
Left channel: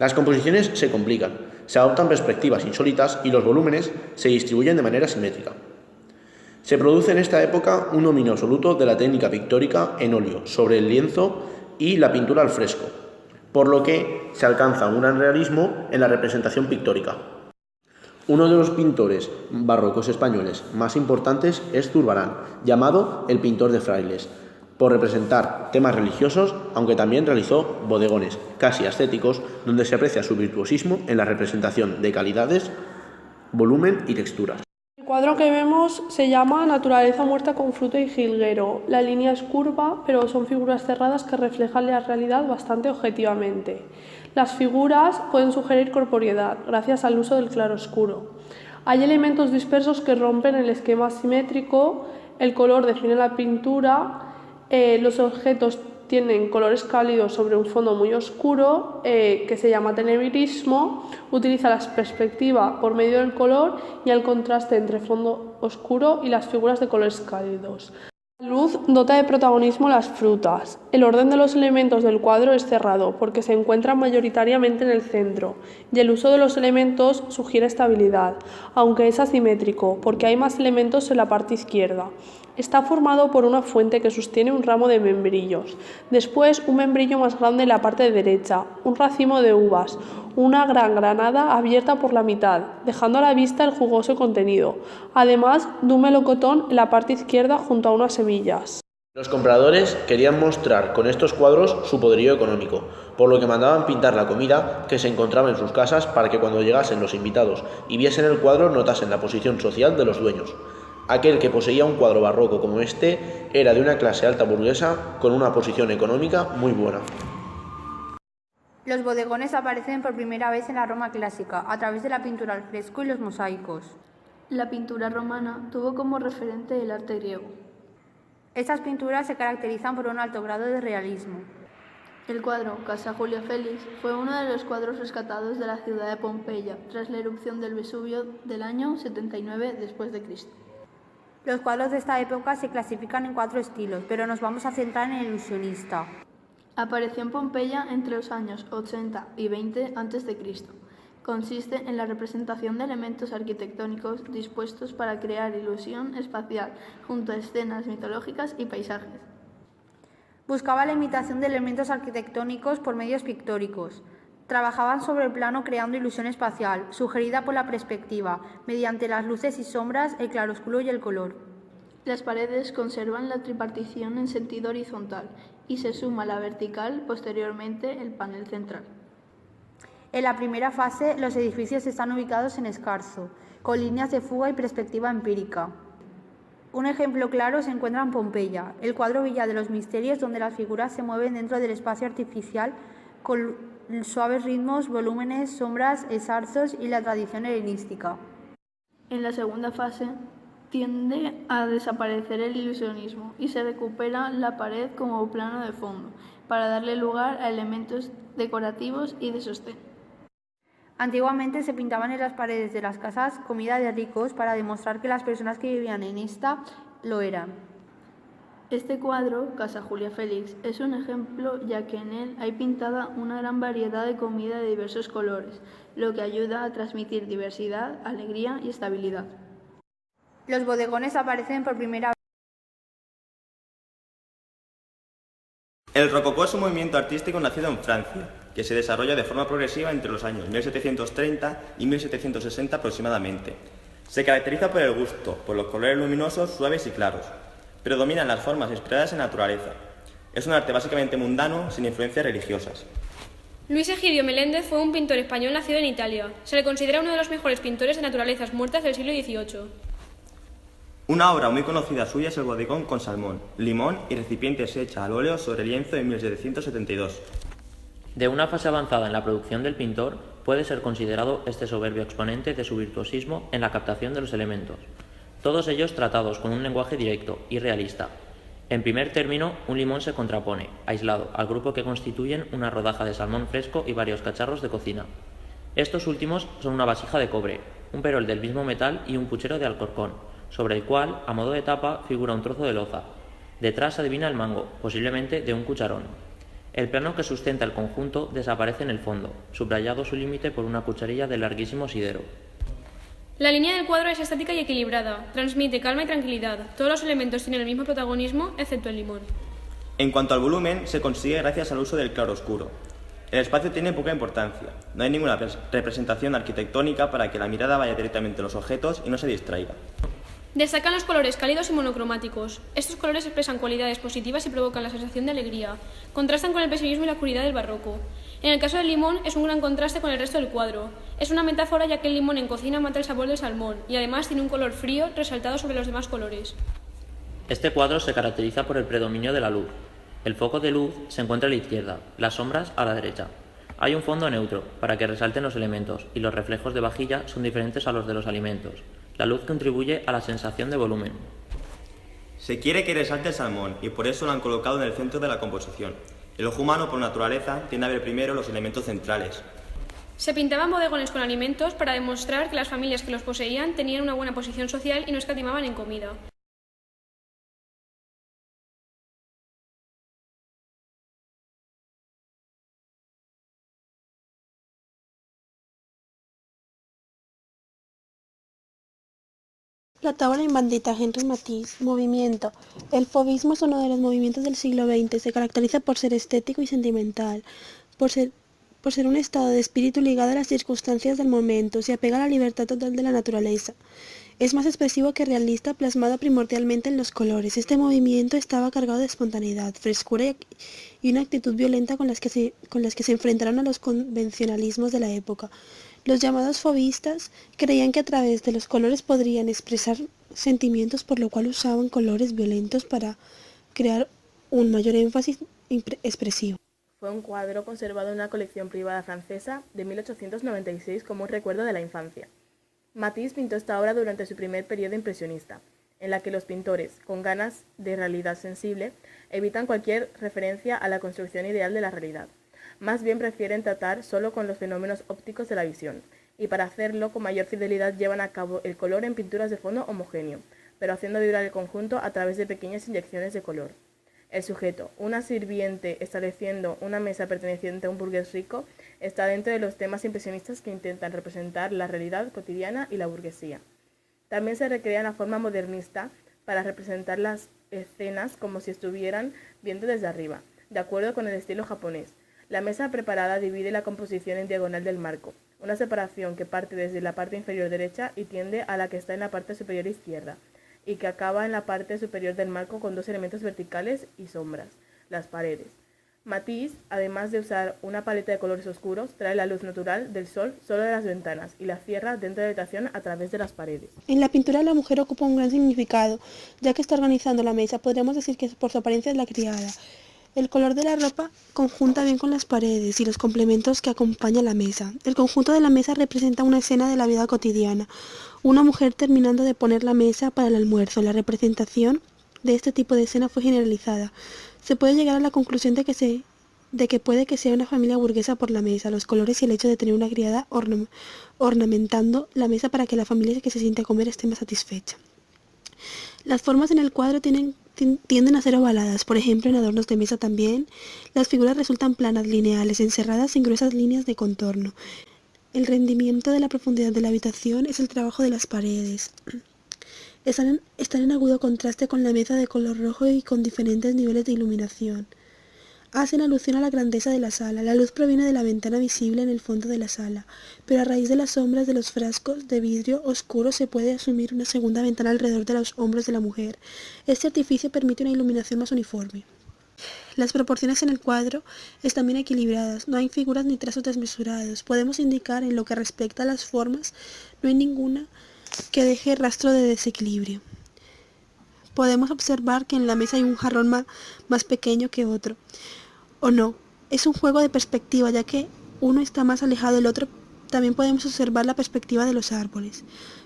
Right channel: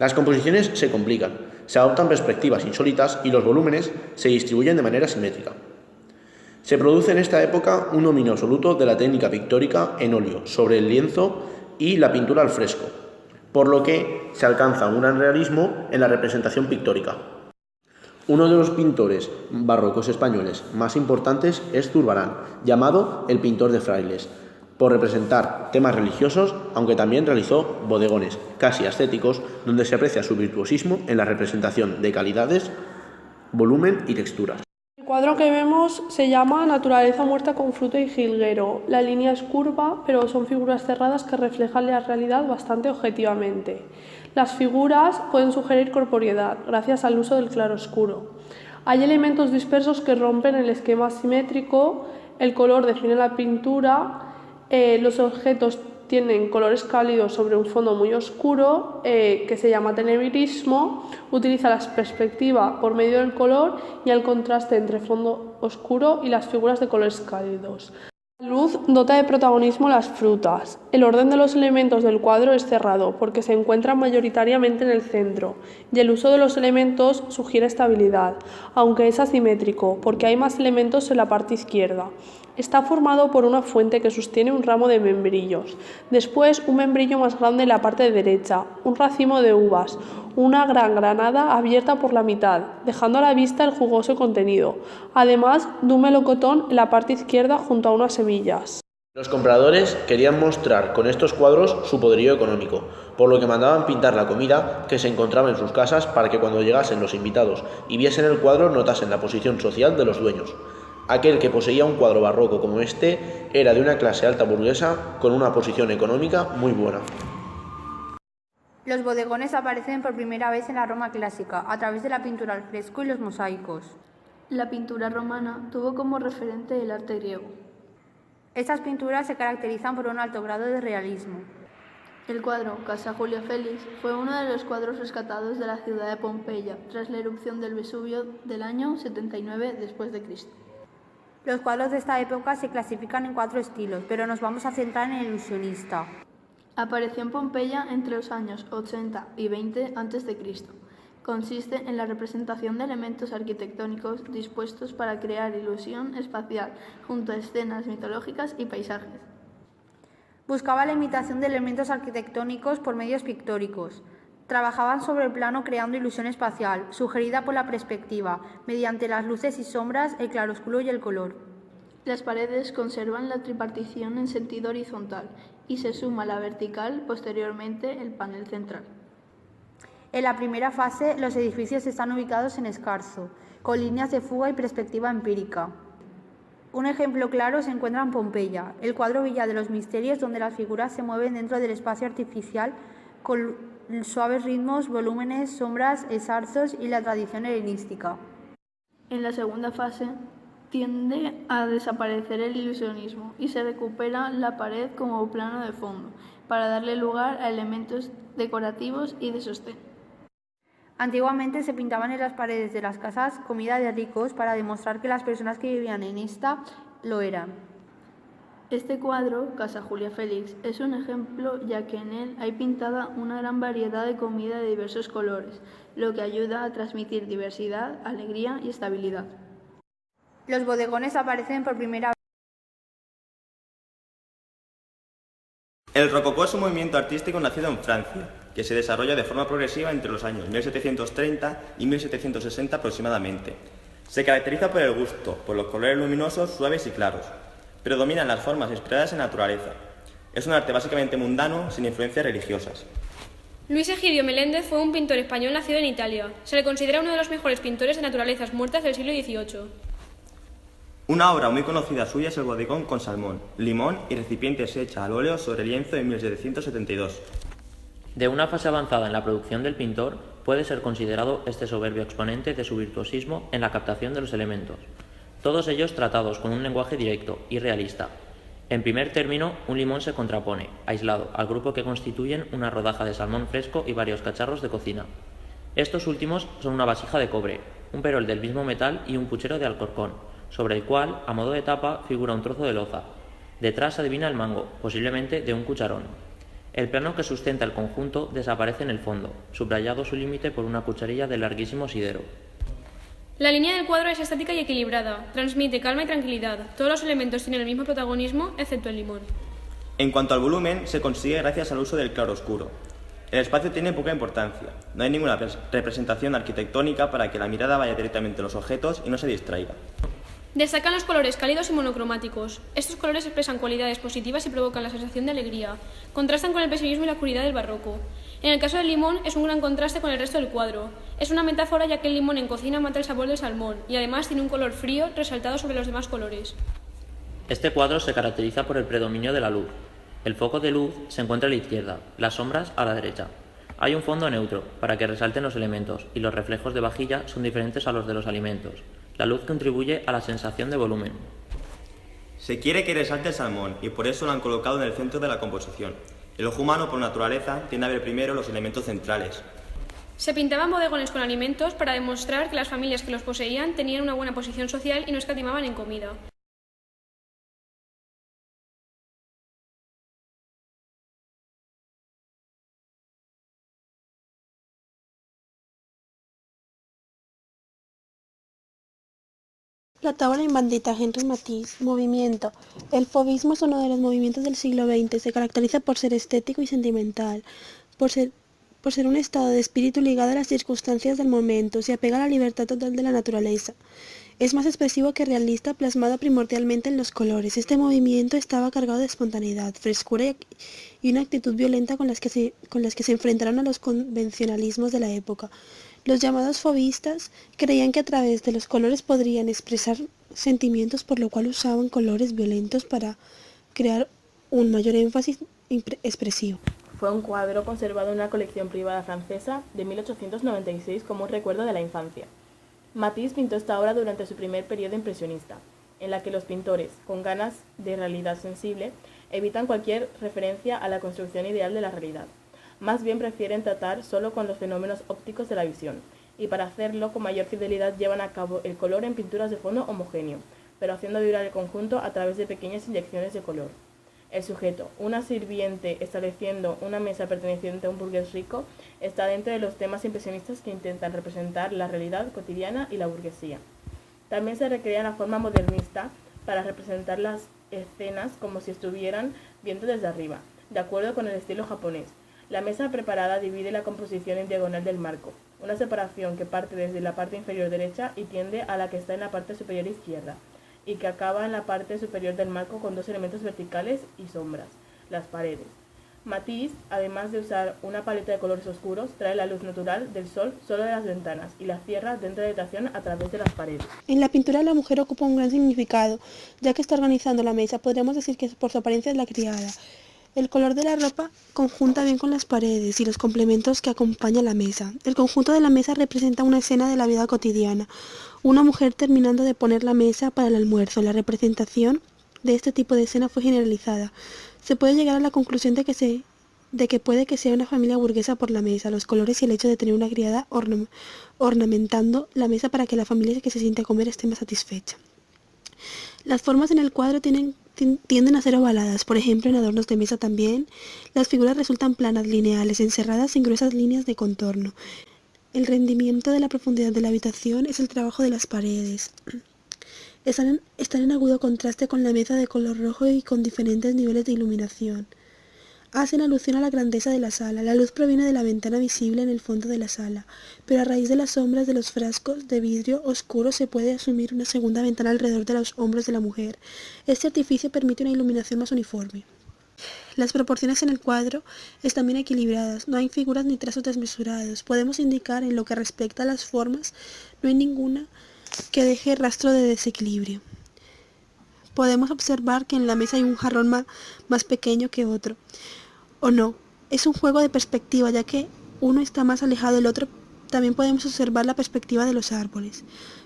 Las composiciones se complican, se adoptan perspectivas insólitas y los volúmenes se distribuyen de manera simétrica. Se produce en esta época un dominio absoluto de la técnica pictórica en óleo sobre el lienzo y la pintura al fresco, por lo que se alcanza un gran realismo en la representación pictórica. Uno de los pintores barrocos españoles más importantes es Zurbarán, llamado el pintor de frailes, por representar temas religiosos, aunque también realizó bodegones casi ascéticos, donde se aprecia su virtuosismo en la representación de calidades, volumen y texturas. El cuadro que vemos se llama Naturaleza muerta con fruto y jilguero. La línea es curva, pero son figuras cerradas que reflejan la realidad bastante objetivamente. Las figuras pueden sugerir corporeidad, gracias al uso del claroscuro. Hay elementos dispersos que rompen el esquema simétrico, el color define la pintura, los objetos tienen colores cálidos sobre un fondo muy oscuro, que se llama tenebrismo, utiliza la perspectiva por medio del color y el contraste entre fondo oscuro y las figuras de colores cálidos. La luz dota de protagonismo las frutas. El orden de los elementos del cuadro es cerrado porque se encuentran mayoritariamente en el centro y el uso de los elementos sugiere estabilidad, aunque es asimétrico porque hay más elementos en la parte izquierda. Está formado por una fuente que sostiene un ramo de membrillos, después un membrillo más grande en la parte derecha, un racimo de uvas, una gran granada abierta por la mitad, dejando a la vista el jugoso contenido, además de un melocotón en la parte izquierda junto a unas semillas. Los compradores querían mostrar con estos cuadros su poderío económico, por lo que mandaban pintar la comida que se encontraba en sus casas para que cuando llegasen los invitados y viesen el cuadro notasen la posición social de los dueños. Aquel que poseía un cuadro barroco como este era de una clase alta burguesa con una posición económica muy buena. Los bodegones aparecen por primera vez en la Roma clásica, a través de la pintura al fresco y los mosaicos. La pintura romana tuvo como referente el arte griego. Estas pinturas se caracterizan por un alto grado de realismo. El cuadro Casa Julia Félix fue uno de los cuadros rescatados de la ciudad de Pompeya tras la erupción del Vesubio del año 79 después de Cristo. Los cuadros de esta época se clasifican en 4 estilos, pero nos vamos a centrar en el ilusionista. Apareció en Pompeya entre los años 80 y 20 a.C. Consiste en la representación de elementos arquitectónicos dispuestos para crear ilusión espacial junto a escenas mitológicas y paisajes. Buscaba la imitación de elementos arquitectónicos por medios pictóricos. Trabajaban sobre el plano creando ilusión espacial, sugerida por la perspectiva, mediante las luces y sombras, el claroscuro y el color. Las paredes conservan la tripartición en sentido horizontal y se suma la vertical posteriormente el panel central. En la primera fase, los edificios están ubicados en escarzo, con líneas de fuga y perspectiva empírica. Un ejemplo claro se encuentra en Pompeya, el cuadro Villa de los Misterios, donde las figuras se mueven dentro del espacio artificial con suaves ritmos, volúmenes, sombras, esarzos y la tradición helenística. En la segunda fase tiende a desaparecer el ilusionismo y se recupera la pared como plano de fondo para darle lugar a elementos decorativos y de sostén. Antiguamente se pintaban en las paredes de las casas comida de ricos para demostrar que las personas que vivían en esta lo eran. Este cuadro, Casa Julia Félix, es un ejemplo ya que en él hay pintada una gran variedad de comida de diversos colores, lo que ayuda a transmitir diversidad, alegría y estabilidad. Los bodegones aparecen por primera vez. El rococó es un movimiento artístico nacido en Francia, que se desarrolla de forma progresiva entre los años 1730 y 1760 aproximadamente. Se caracteriza por el gusto, por los colores luminosos, suaves y claros. Predominan las formas inspiradas en la naturaleza. Es un arte básicamente mundano, sin influencias religiosas. Luis Egidio Meléndez fue un pintor español nacido en Italia. Se le considera uno de los mejores pintores de naturalezas muertas del siglo XVIII. Una obra muy conocida suya es el bodegón con salmón, limón y recipientes hecha al óleo sobre lienzo en 1772. De una fase avanzada en la producción del pintor, puede ser considerado este soberbio exponente de su virtuosismo en la captación de los elementos, todos ellos tratados con un lenguaje directo y realista. En primer término, un limón se contrapone, aislado, al grupo que constituyen una rodaja de salmón fresco y varios cacharros de cocina. Estos últimos son una vasija de cobre, un perol del mismo metal y un puchero de alcorcón, sobre el cual, a modo de tapa, figura un trozo de loza. Detrás se adivina el mango, posiblemente de un cucharón. El plano que sustenta el conjunto desaparece en el fondo, subrayado su límite por una cucharilla de larguísimo sidero. La línea del cuadro es estática y equilibrada, transmite calma y tranquilidad. Todos los elementos tienen el mismo protagonismo, excepto el limón. En cuanto al volumen, se consigue gracias al uso del claroscuro. El espacio tiene poca importancia. No hay ninguna representación arquitectónica para que la mirada vaya directamente a los objetos y no se distraiga. Destacan los colores cálidos y monocromáticos. Estos colores expresan cualidades positivas y provocan la sensación de alegría. Contrastan con el pesimismo y la oscuridad del barroco. En el caso del limón es un gran contraste con el resto del cuadro. Es una metáfora ya que el limón en cocina mata el sabor del salmón y además tiene un color frío resaltado sobre los demás colores. Este cuadro se caracteriza por el predominio de la luz. El foco de luz se encuentra a la izquierda, las sombras a la derecha. Hay un fondo neutro para que resalten los elementos y los reflejos de vajilla son diferentes a los de los alimentos. La luz contribuye a la sensación de volumen. Se quiere que resalte el salmón y por eso lo han colocado en el centro de la composición. El ojo humano, por naturaleza, tiende a ver primero los elementos centrales. Se pintaban bodegones con alimentos para demostrar que las familias que los poseían tenían una buena posición social y no escatimaban en comida. La tabla inventita Henri Matisse. Movimiento. El fauvismo es uno de los movimientos del siglo XX. Se caracteriza por ser estético y sentimental, por ser un estado de espíritu ligado a las circunstancias del momento. Se apega a la libertad total de la naturaleza. Es más expresivo que realista, plasmado primordialmente en los colores. Este movimiento estaba cargado de espontaneidad, frescura y una actitud violenta con las que se enfrentaron a los convencionalismos de la época. Los llamados fauvistas creían que a través de los colores podrían expresar sentimientos, por lo cual usaban colores violentos para crear un mayor énfasis expresivo. Fue un cuadro conservado en una colección privada francesa de 1896 como un recuerdo de la infancia. Matisse pintó esta obra durante su primer periodo impresionista, en la que los pintores, con ganas de realidad sensible, evitan cualquier referencia a la construcción ideal de la realidad. Más bien prefieren tratar solo con los fenómenos ópticos de la visión, y para hacerlo con mayor fidelidad llevan a cabo el color en pinturas de fondo homogéneo, pero haciendo vibrar el conjunto a través de pequeñas inyecciones de color. El sujeto, una sirviente estableciendo una mesa perteneciente a un burgués rico, está dentro de los temas impresionistas que intentan representar la realidad cotidiana y la burguesía. También se recrea la forma modernista para representar las escenas como si estuvieran viendo desde arriba, de acuerdo con el estilo japonés. La mesa preparada divide la composición en diagonal del marco, una separación que parte desde la parte inferior derecha y tiende a la que está en la parte superior izquierda, y que acaba en la parte superior del marco con dos elementos verticales y sombras, las paredes. Matisse, además de usar una paleta de colores oscuros, trae la luz natural del sol solo de las ventanas y la cierra dentro de la habitación a través de las paredes. En la pintura la mujer ocupa un gran significado, ya que está organizando la mesa. Podríamos decir que por su apariencia es la criada. El color de la ropa conjunta bien con las paredes y los complementos que acompañan la mesa. El conjunto de la mesa representa una escena de la vida cotidiana. Una mujer terminando de poner la mesa para el almuerzo. La representación de este tipo de escena fue generalizada. Se puede llegar a la conclusión de que puede que sea una familia burguesa por la mesa, los colores y el hecho de tener una criada ornamentando la mesa para que la familia que se siente a comer esté más satisfecha. Las formas en el cuadro tienden a ser ovaladas, por ejemplo en adornos de mesa también. Las figuras resultan planas, lineales, encerradas en gruesas líneas de contorno. El rendimiento de la profundidad de la habitación es el trabajo de las paredes. Están en agudo contraste con la mesa de color rojo y con diferentes niveles de iluminación. Hacen alusión a la grandeza de la sala. La luz proviene de la ventana visible en el fondo de la sala, pero a raíz de las sombras de los frascos de vidrio oscuro se puede asumir una segunda ventana alrededor de los hombros de la mujer. Este artificio permite una iluminación más uniforme. Las proporciones en el cuadro están bien equilibradas, no hay figuras ni trazos desmesurados. Podemos indicar en lo que respecta a las formas, no hay ninguna que deje rastro de desequilibrio. Podemos observar que en la mesa hay un jarrón más pequeño que otro. O no, es un juego de perspectiva, ya que uno está más alejado del otro. También podemos observar la perspectiva de los árboles.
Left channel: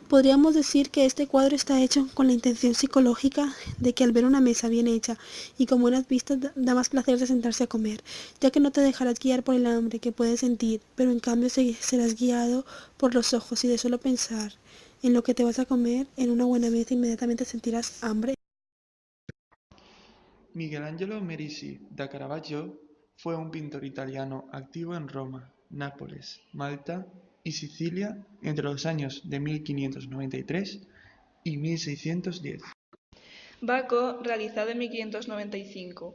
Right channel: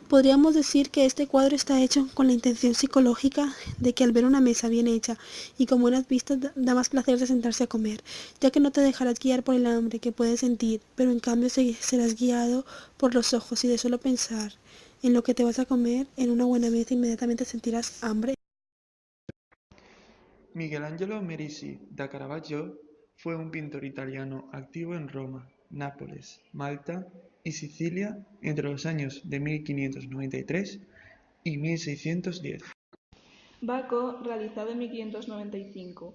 Podríamos decir que este cuadro está hecho con la intención psicológica de que al ver una mesa bien hecha y con buenas vistas da más placer de sentarse a comer, ya que no te dejarás guiar por el hambre que puedes sentir, pero en cambio serás guiado por los ojos y de solo pensar en lo que te vas a comer en una buena mesa inmediatamente sentirás hambre. Michelangelo Merisi da Caravaggio fue un pintor italiano activo en Roma, Nápoles, Malta y Sicilia entre los años de 1593 y 1610. Baco, realizado en 1595.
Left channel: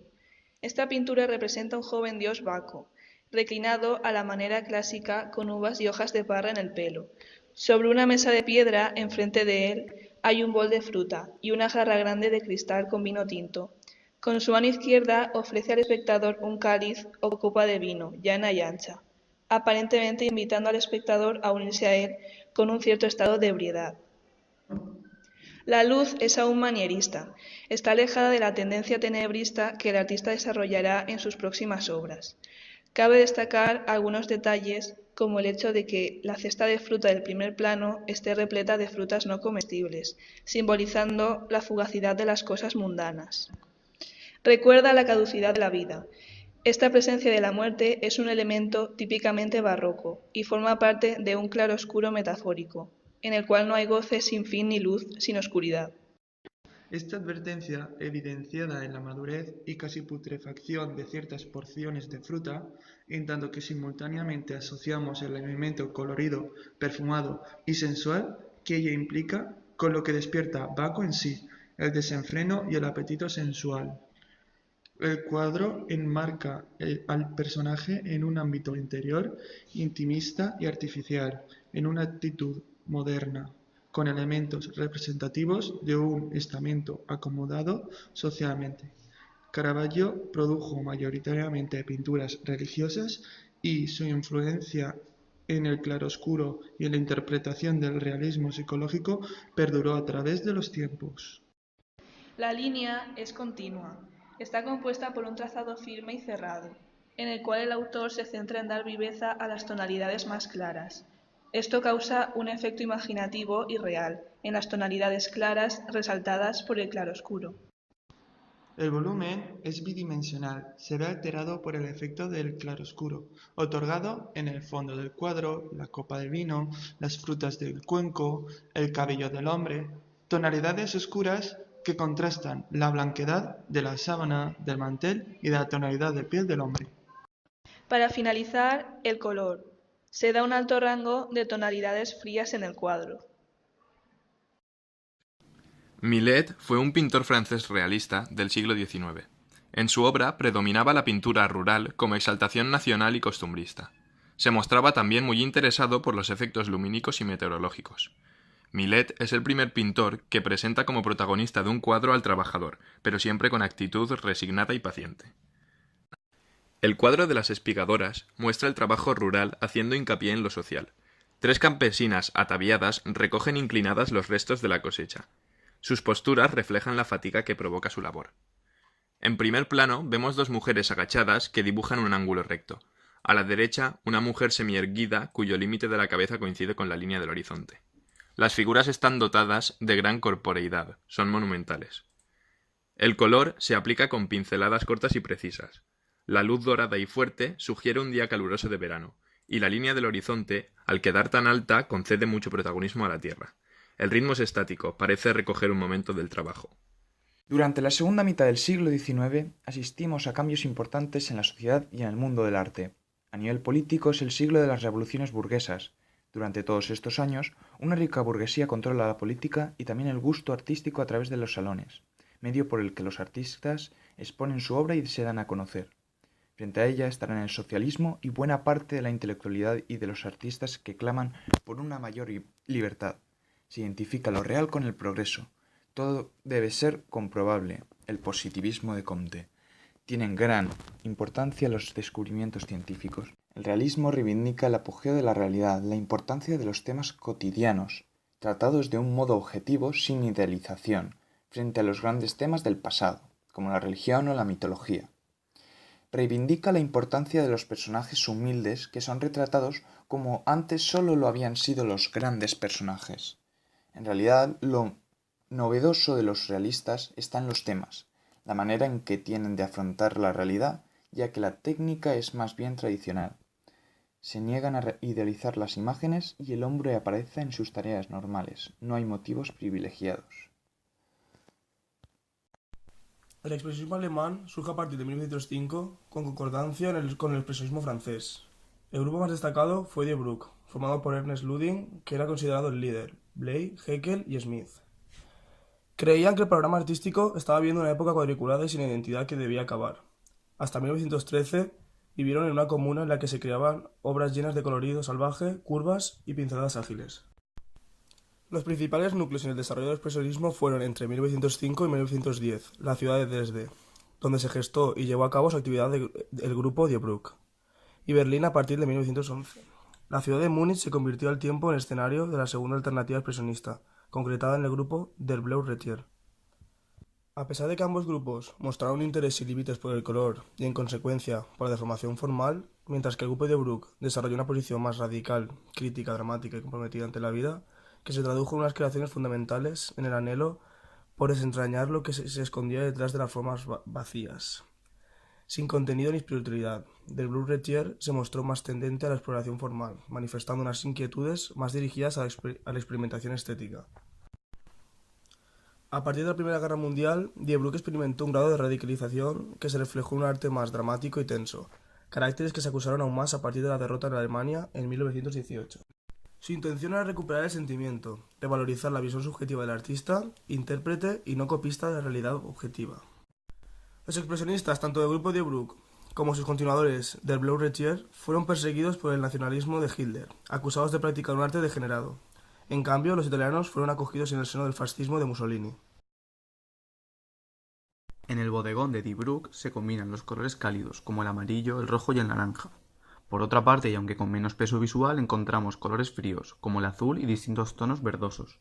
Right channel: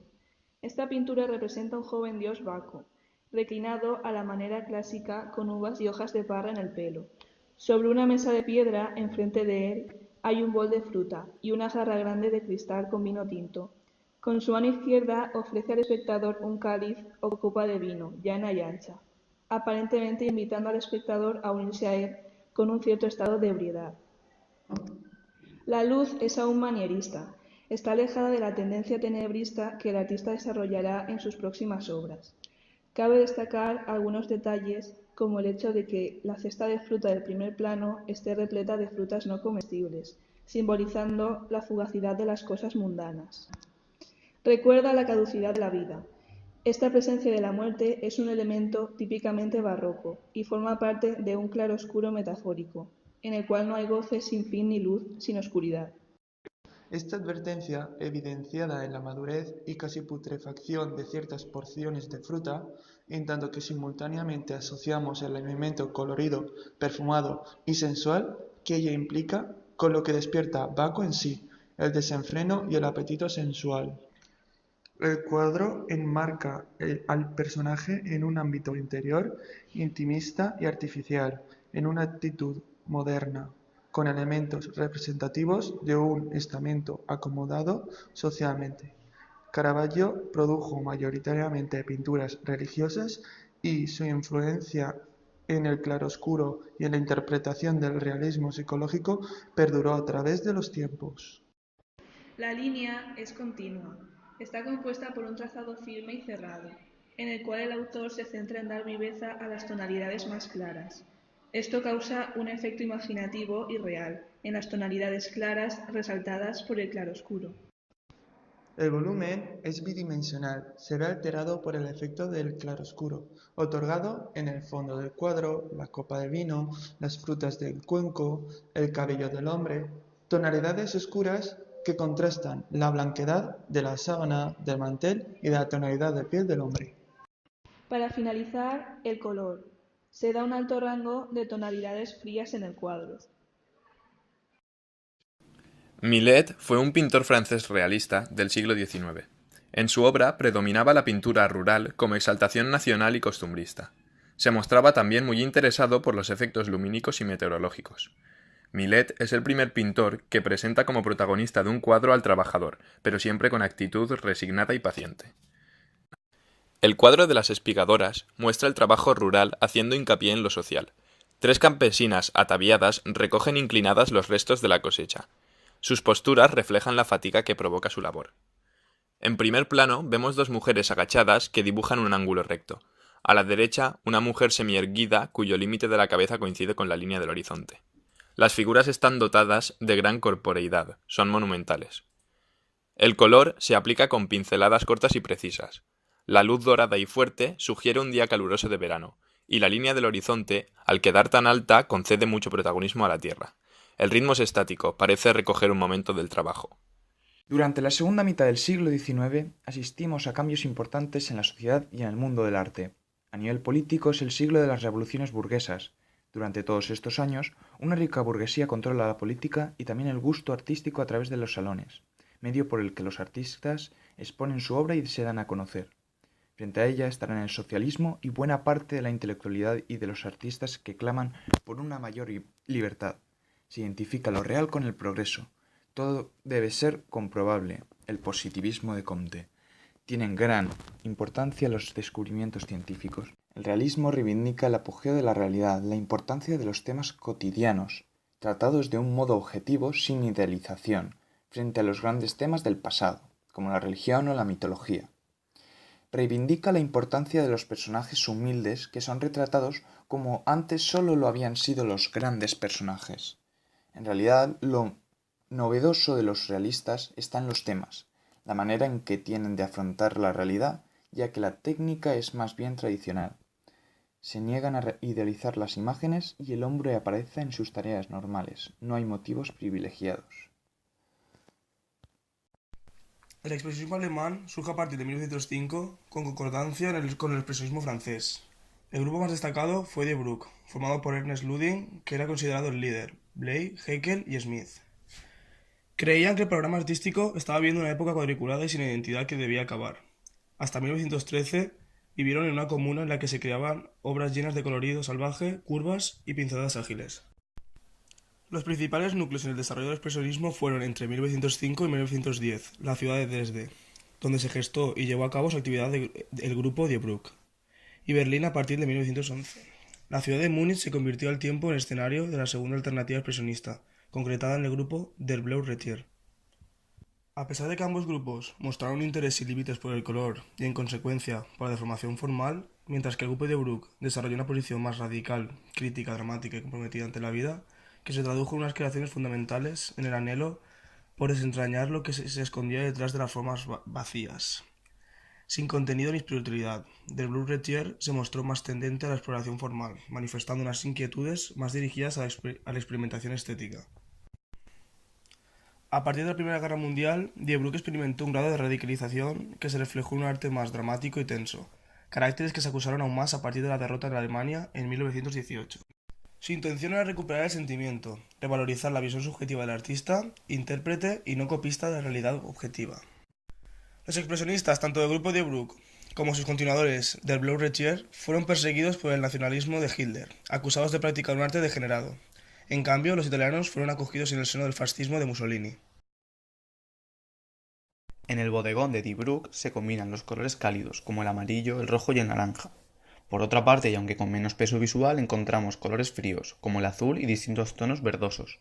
Esta pintura representa a un joven dios Baco, reclinado a la manera clásica con uvas y hojas de parra en el pelo. Sobre una mesa de piedra, enfrente de él, hay un bol de fruta y una jarra grande de cristal con vino tinto. Con su mano izquierda ofrece al espectador un cáliz o copa de vino, llana y ancha, aparentemente invitando al espectador a unirse a él con un cierto estado de ebriedad. La luz es aún manierista, está alejada de la tendencia tenebrista que el artista desarrollará en sus próximas obras. Cabe destacar algunos detalles, como el hecho de que la cesta de fruta del primer plano esté repleta de frutas no comestibles, simbolizando la fugacidad de las cosas mundanas. Recuerda la caducidad de la vida. Esta presencia de la muerte es un elemento típicamente barroco y forma parte de un claroscuro metafórico, en el cual no hay goce sin fin ni luz sin oscuridad. Esta advertencia, evidenciada en la madurez y casi putrefacción de ciertas porciones de fruta, en tanto que simultáneamente asociamos el elemento colorido, perfumado y sensual que ella implica con lo que despierta Bacco en sí, el desenfreno y el apetito sensual. El cuadro enmarca al personaje en un ámbito interior, intimista y artificial, en una actitud moderna, con elementos representativos de un estamento acomodado socialmente. Caravaggio produjo mayoritariamente pinturas religiosas y su influencia en el claroscuro y en la interpretación del realismo psicológico perduró a través de los tiempos. La línea es continua. Está compuesta por un trazado firme y cerrado, en el cual el autor se centra en dar viveza a las tonalidades más claras. Esto causa un efecto imaginativo y real, en las tonalidades claras resaltadas por el claroscuro. El volumen es bidimensional, se ve alterado por el efecto del claroscuro, otorgado en el fondo del cuadro, la copa de vino, las frutas del cuenco, el cabello del hombre, tonalidades oscuras que contrastan la blanquedad de la sábana, del mantel y de la tonalidad de piel del hombre. Para finalizar, el color. Se da un alto rango de tonalidades frías en el cuadro. Millet fue un pintor francés realista del siglo XIX. En su obra predominaba la pintura rural como exaltación nacional y costumbrista. Se mostraba también muy interesado por los efectos lumínicos y meteorológicos. Millet es el primer pintor que presenta como protagonista de un cuadro al trabajador, pero siempre con actitud resignada y paciente. El cuadro de las espigadoras muestra el trabajo rural haciendo hincapié en lo social. 3 campesinas ataviadas recogen inclinadas los restos de la cosecha. Sus posturas reflejan la fatiga que provoca su labor. En primer plano vemos 2 mujeres agachadas que dibujan un ángulo recto. A la derecha, una mujer semierguida cuyo límite de la cabeza coincide con la línea del horizonte. Las figuras están dotadas de gran corporeidad, son monumentales. El color se aplica con pinceladas cortas y precisas. La luz dorada y fuerte sugiere un día caluroso de verano, y la línea del horizonte, al quedar tan alta, concede mucho protagonismo a la tierra. El ritmo es estático, parece recoger un momento del trabajo. Durante la segunda mitad del siglo XIX asistimos a cambios importantes en la sociedad y en el mundo del arte. A nivel político es el siglo de las revoluciones burguesas. Durante todos estos años, una rica burguesía controla la política y también el gusto artístico a través de los salones, medio por el que los artistas exponen su obra y se dan a conocer. Frente a ella estarán el socialismo y buena parte de la intelectualidad y de los artistas que claman por una mayor libertad. Se identifica lo real con el progreso. Todo debe ser comprobable. El positivismo de Comte. Tienen gran importancia los descubrimientos científicos. El realismo reivindica el apogeo de la realidad, la importancia de los temas cotidianos, tratados de un modo objetivo sin idealización, frente a los grandes temas del pasado, como la religión o la mitología. Reivindica la importancia de los personajes humildes que son retratados como antes solo lo habían sido los grandes personajes. En realidad, lo novedoso de los realistas está en los temas, la manera en que tienen de afrontar la realidad, ya que la técnica es más bien tradicional. Se niegan a idealizar las imágenes y el hombre aparece en sus tareas normales, no hay motivos privilegiados. El expresionismo alemán surge a partir de 1905 con concordancia con el expresionismo francés. El grupo más destacado fue Die Brücke, formado por Ernest Ludwig, que era considerado el líder, Bley, Haeckel y Smith. Creían que el programa artístico estaba viviendo una época cuadriculada y sin identidad que debía acabar. Hasta 1913 vivieron en una comuna en la que se creaban obras llenas de colorido salvaje, curvas y pinceladas ágiles. Los principales núcleos en el desarrollo del expresionismo fueron entre 1905 y 1910, la ciudad de Dresde, donde se gestó y llevó a cabo su actividad el grupo Die Bruck, y Berlín a partir de 1911. La ciudad de Múnich se convirtió al tiempo en escenario de la segunda alternativa expresionista, concretada en el grupo Der Blaue Retier. A pesar de que ambos grupos mostraron interés sin límites por el color y, en consecuencia, por la deformación formal, mientras que el grupo Die Bruck desarrolló una posición más radical, crítica, dramática y comprometida ante la vida, que se tradujo en unas creaciones fundamentales en el anhelo por desentrañar lo que se escondía detrás de las formas vacías. Sin contenido ni espiritualidad, Der Blaue Retier se mostró más tendente a la exploración formal, manifestando unas inquietudes más dirigidas a la experimentación estética. A partir de la Primera Guerra Mundial, Die Bruck experimentó un grado de radicalización que se reflejó en un arte más dramático y tenso, caracteres que se acusaron aún más a partir de la derrota en Alemania en 1918. Su intención era recuperar el sentimiento, revalorizar la visión subjetiva del artista, intérprete y no copista de la realidad objetiva. Los expresionistas, tanto del grupo Die Bruck como sus continuadores del Blaue Retier, fueron perseguidos por el nacionalismo de Hitler, acusados de practicar un arte degenerado. En cambio, los italianos fueron acogidos en el seno del fascismo de Mussolini. En el bodegón de Die Bruck se combinan los colores cálidos, como el amarillo, el rojo y el naranja. Por otra parte, y aunque con menos peso visual, encontramos colores fríos, como el azul y distintos tonos verdosos.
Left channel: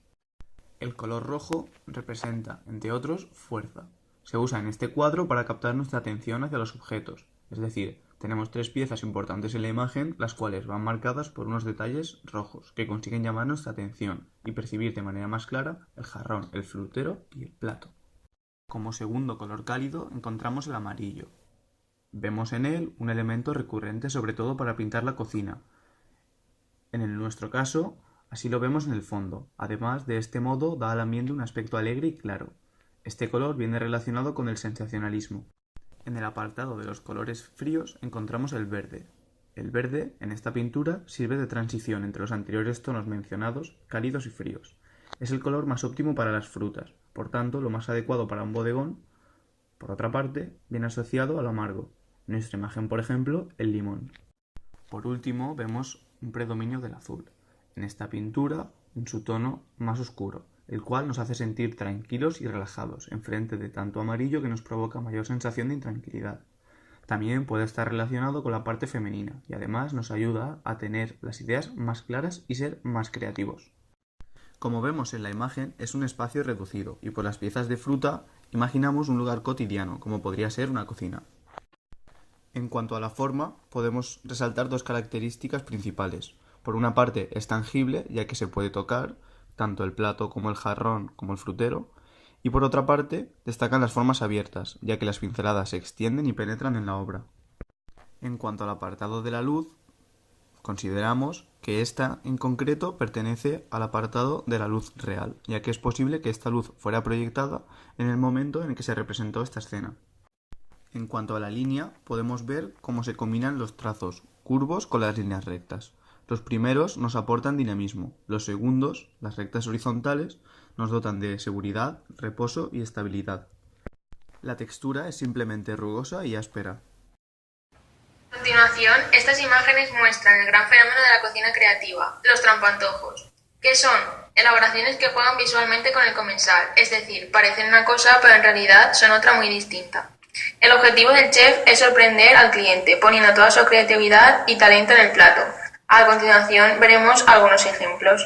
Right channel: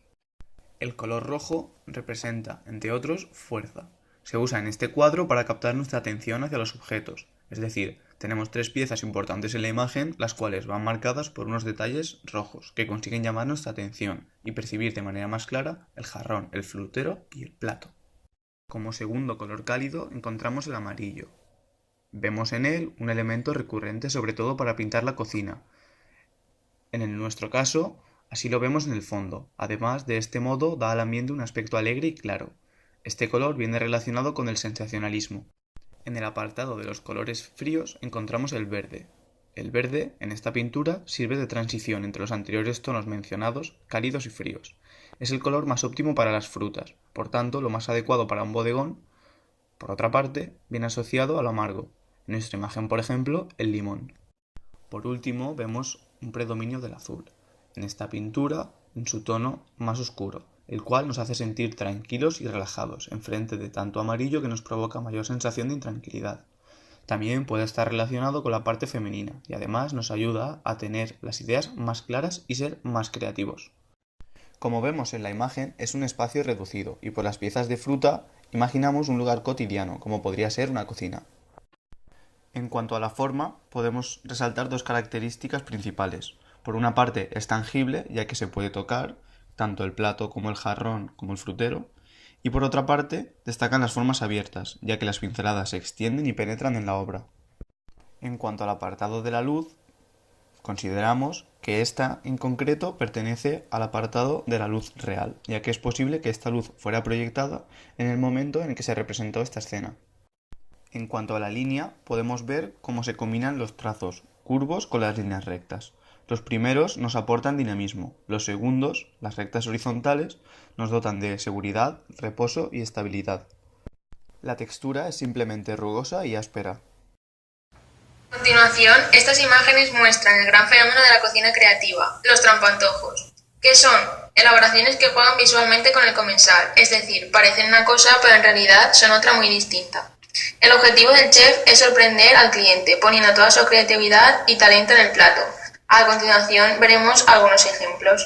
El color rojo representa, entre otros, fuerza. Se usa en este cuadro para captar nuestra atención hacia los objetos, es decir, tenemos tres piezas importantes en la imagen, las cuales van marcadas por unos detalles rojos, que consiguen llamar nuestra atención y percibir de manera más clara el jarrón, el frutero y el plato. Como segundo color cálido encontramos el amarillo. Vemos en él un elemento recurrente sobre todo para pintar la cocina. En nuestro caso, así lo vemos en el fondo. Además, de este modo da al ambiente un aspecto alegre y claro. Este color viene relacionado con el sensacionalismo. En el apartado de los colores fríos encontramos el verde. El verde, en esta pintura, sirve de transición entre los anteriores tonos mencionados, cálidos y fríos. Es el color más óptimo para las frutas, por tanto, lo más adecuado para un bodegón. Por otra parte, viene asociado a lo amargo. En nuestra imagen, por ejemplo, el limón. Por último, vemos un predominio del azul. En esta pintura, en su tono más oscuro, el cual nos hace sentir tranquilos y relajados, enfrente de tanto amarillo que nos provoca mayor sensación de intranquilidad. También puede estar relacionado con la parte femenina y además nos ayuda a tener las ideas más claras y ser más creativos. Como vemos en la imagen, es un espacio reducido y por las piezas de fruta imaginamos un lugar cotidiano, como podría ser una cocina. En cuanto a la forma, podemos resaltar dos características principales. Por una parte, es tangible, ya que se puede tocar, tanto el plato como el jarrón como el frutero, y por otra parte, destacan las formas abiertas, ya que las pinceladas se extienden y penetran en la obra. En cuanto al apartado de la luz, consideramos que esta en concreto pertenece al apartado de la luz real, ya que es posible que esta luz fuera proyectada en el momento en el que se representó esta escena. En cuanto a la línea, podemos ver cómo se combinan los trazos curvos con las líneas rectas. Los primeros nos aportan dinamismo, los segundos, las rectas horizontales, nos dotan de seguridad, reposo y estabilidad. La textura es simplemente rugosa y áspera. A continuación, estas imágenes muestran el gran fenómeno de la cocina creativa, los trampantojos, que son elaboraciones que juegan visualmente con el comensal, es decir, parecen una cosa pero en realidad son otra muy distinta. El objetivo del chef es sorprender al cliente, poniendo toda su creatividad y talento en el plato. A continuación veremos algunos ejemplos.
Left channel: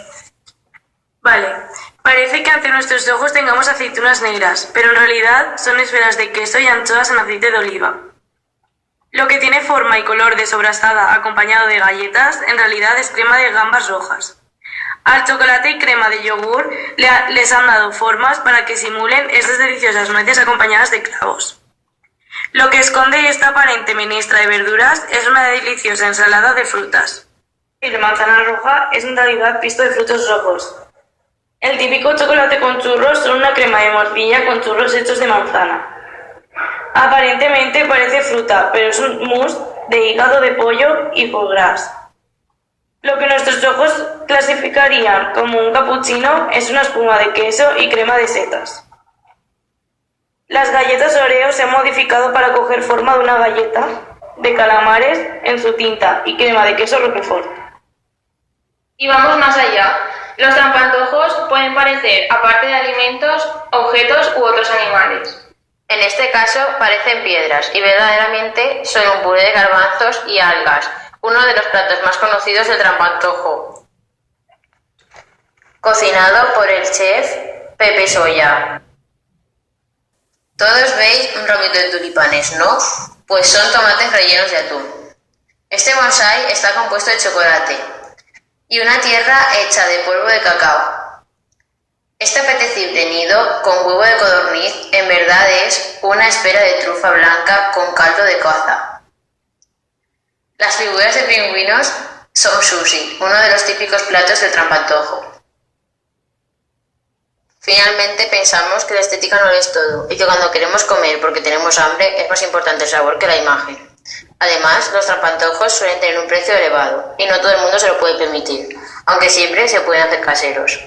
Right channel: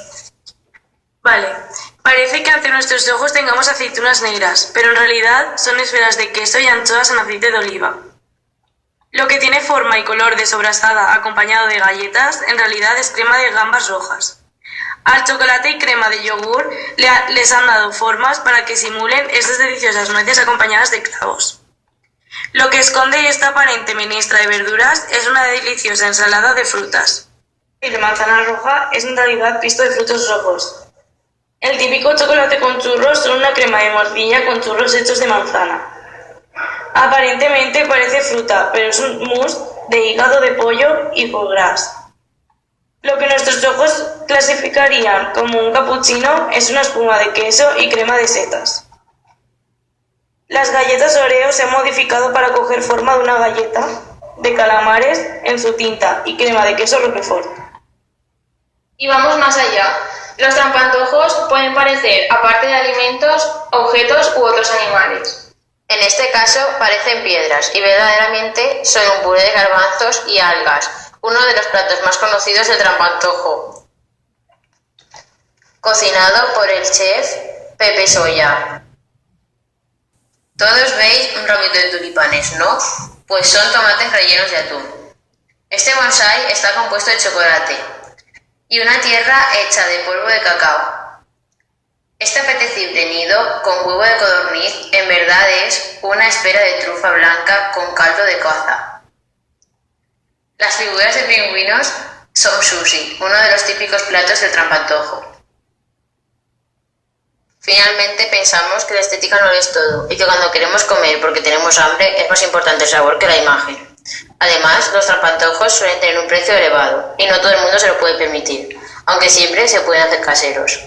Vale, parece que ante nuestros ojos tengamos aceitunas negras, pero en realidad son esferas de queso y anchoas en aceite de oliva. Lo que tiene forma y color de sobrasada acompañado de galletas, en realidad es crema de gambas rojas. Al chocolate y crema de yogur les han dado formas para que simulen esas deliciosas nueces acompañadas de clavos. Lo que esconde esta aparente menestra de verduras es una deliciosa ensalada de frutas. Y de manzana roja es en realidad pisto de frutos rojos. El típico chocolate con churros son una crema de morcilla con churros hechos de manzana. Aparentemente parece fruta, pero es un mousse de hígado de pollo y foie gras. Lo que nuestros ojos clasificarían como un cappuccino es una espuma de queso y crema de setas. Las galletas Oreo se han modificado para coger forma de una galleta de calamares en su tinta y crema de queso Roquefort. Y vamos más allá. Los trampantojos pueden parecer, aparte de alimentos, objetos u otros animales. En este caso parecen piedras y verdaderamente son un puré de garbanzos y algas, uno de los platos más conocidos del trampantojo. Cocinado por el chef Pepe Soya. Todos veis un ramito de tulipanes, ¿no? Pues son tomates rellenos de atún. Este bonsái está compuesto de chocolate y una tierra hecha de polvo de cacao. Este apetecible nido con huevo de codorniz en verdad es una espera de trufa blanca con caldo de caza. Las figuras de pingüinos son sushi, uno de los típicos platos del trampantojo. Finalmente pensamos que la estética no lo es todo y que cuando queremos comer porque tenemos hambre es más importante el sabor que la imagen. Además, los trampantojos suelen tener un precio elevado y no todo el mundo se lo puede permitir, aunque siempre se pueden hacer caseros.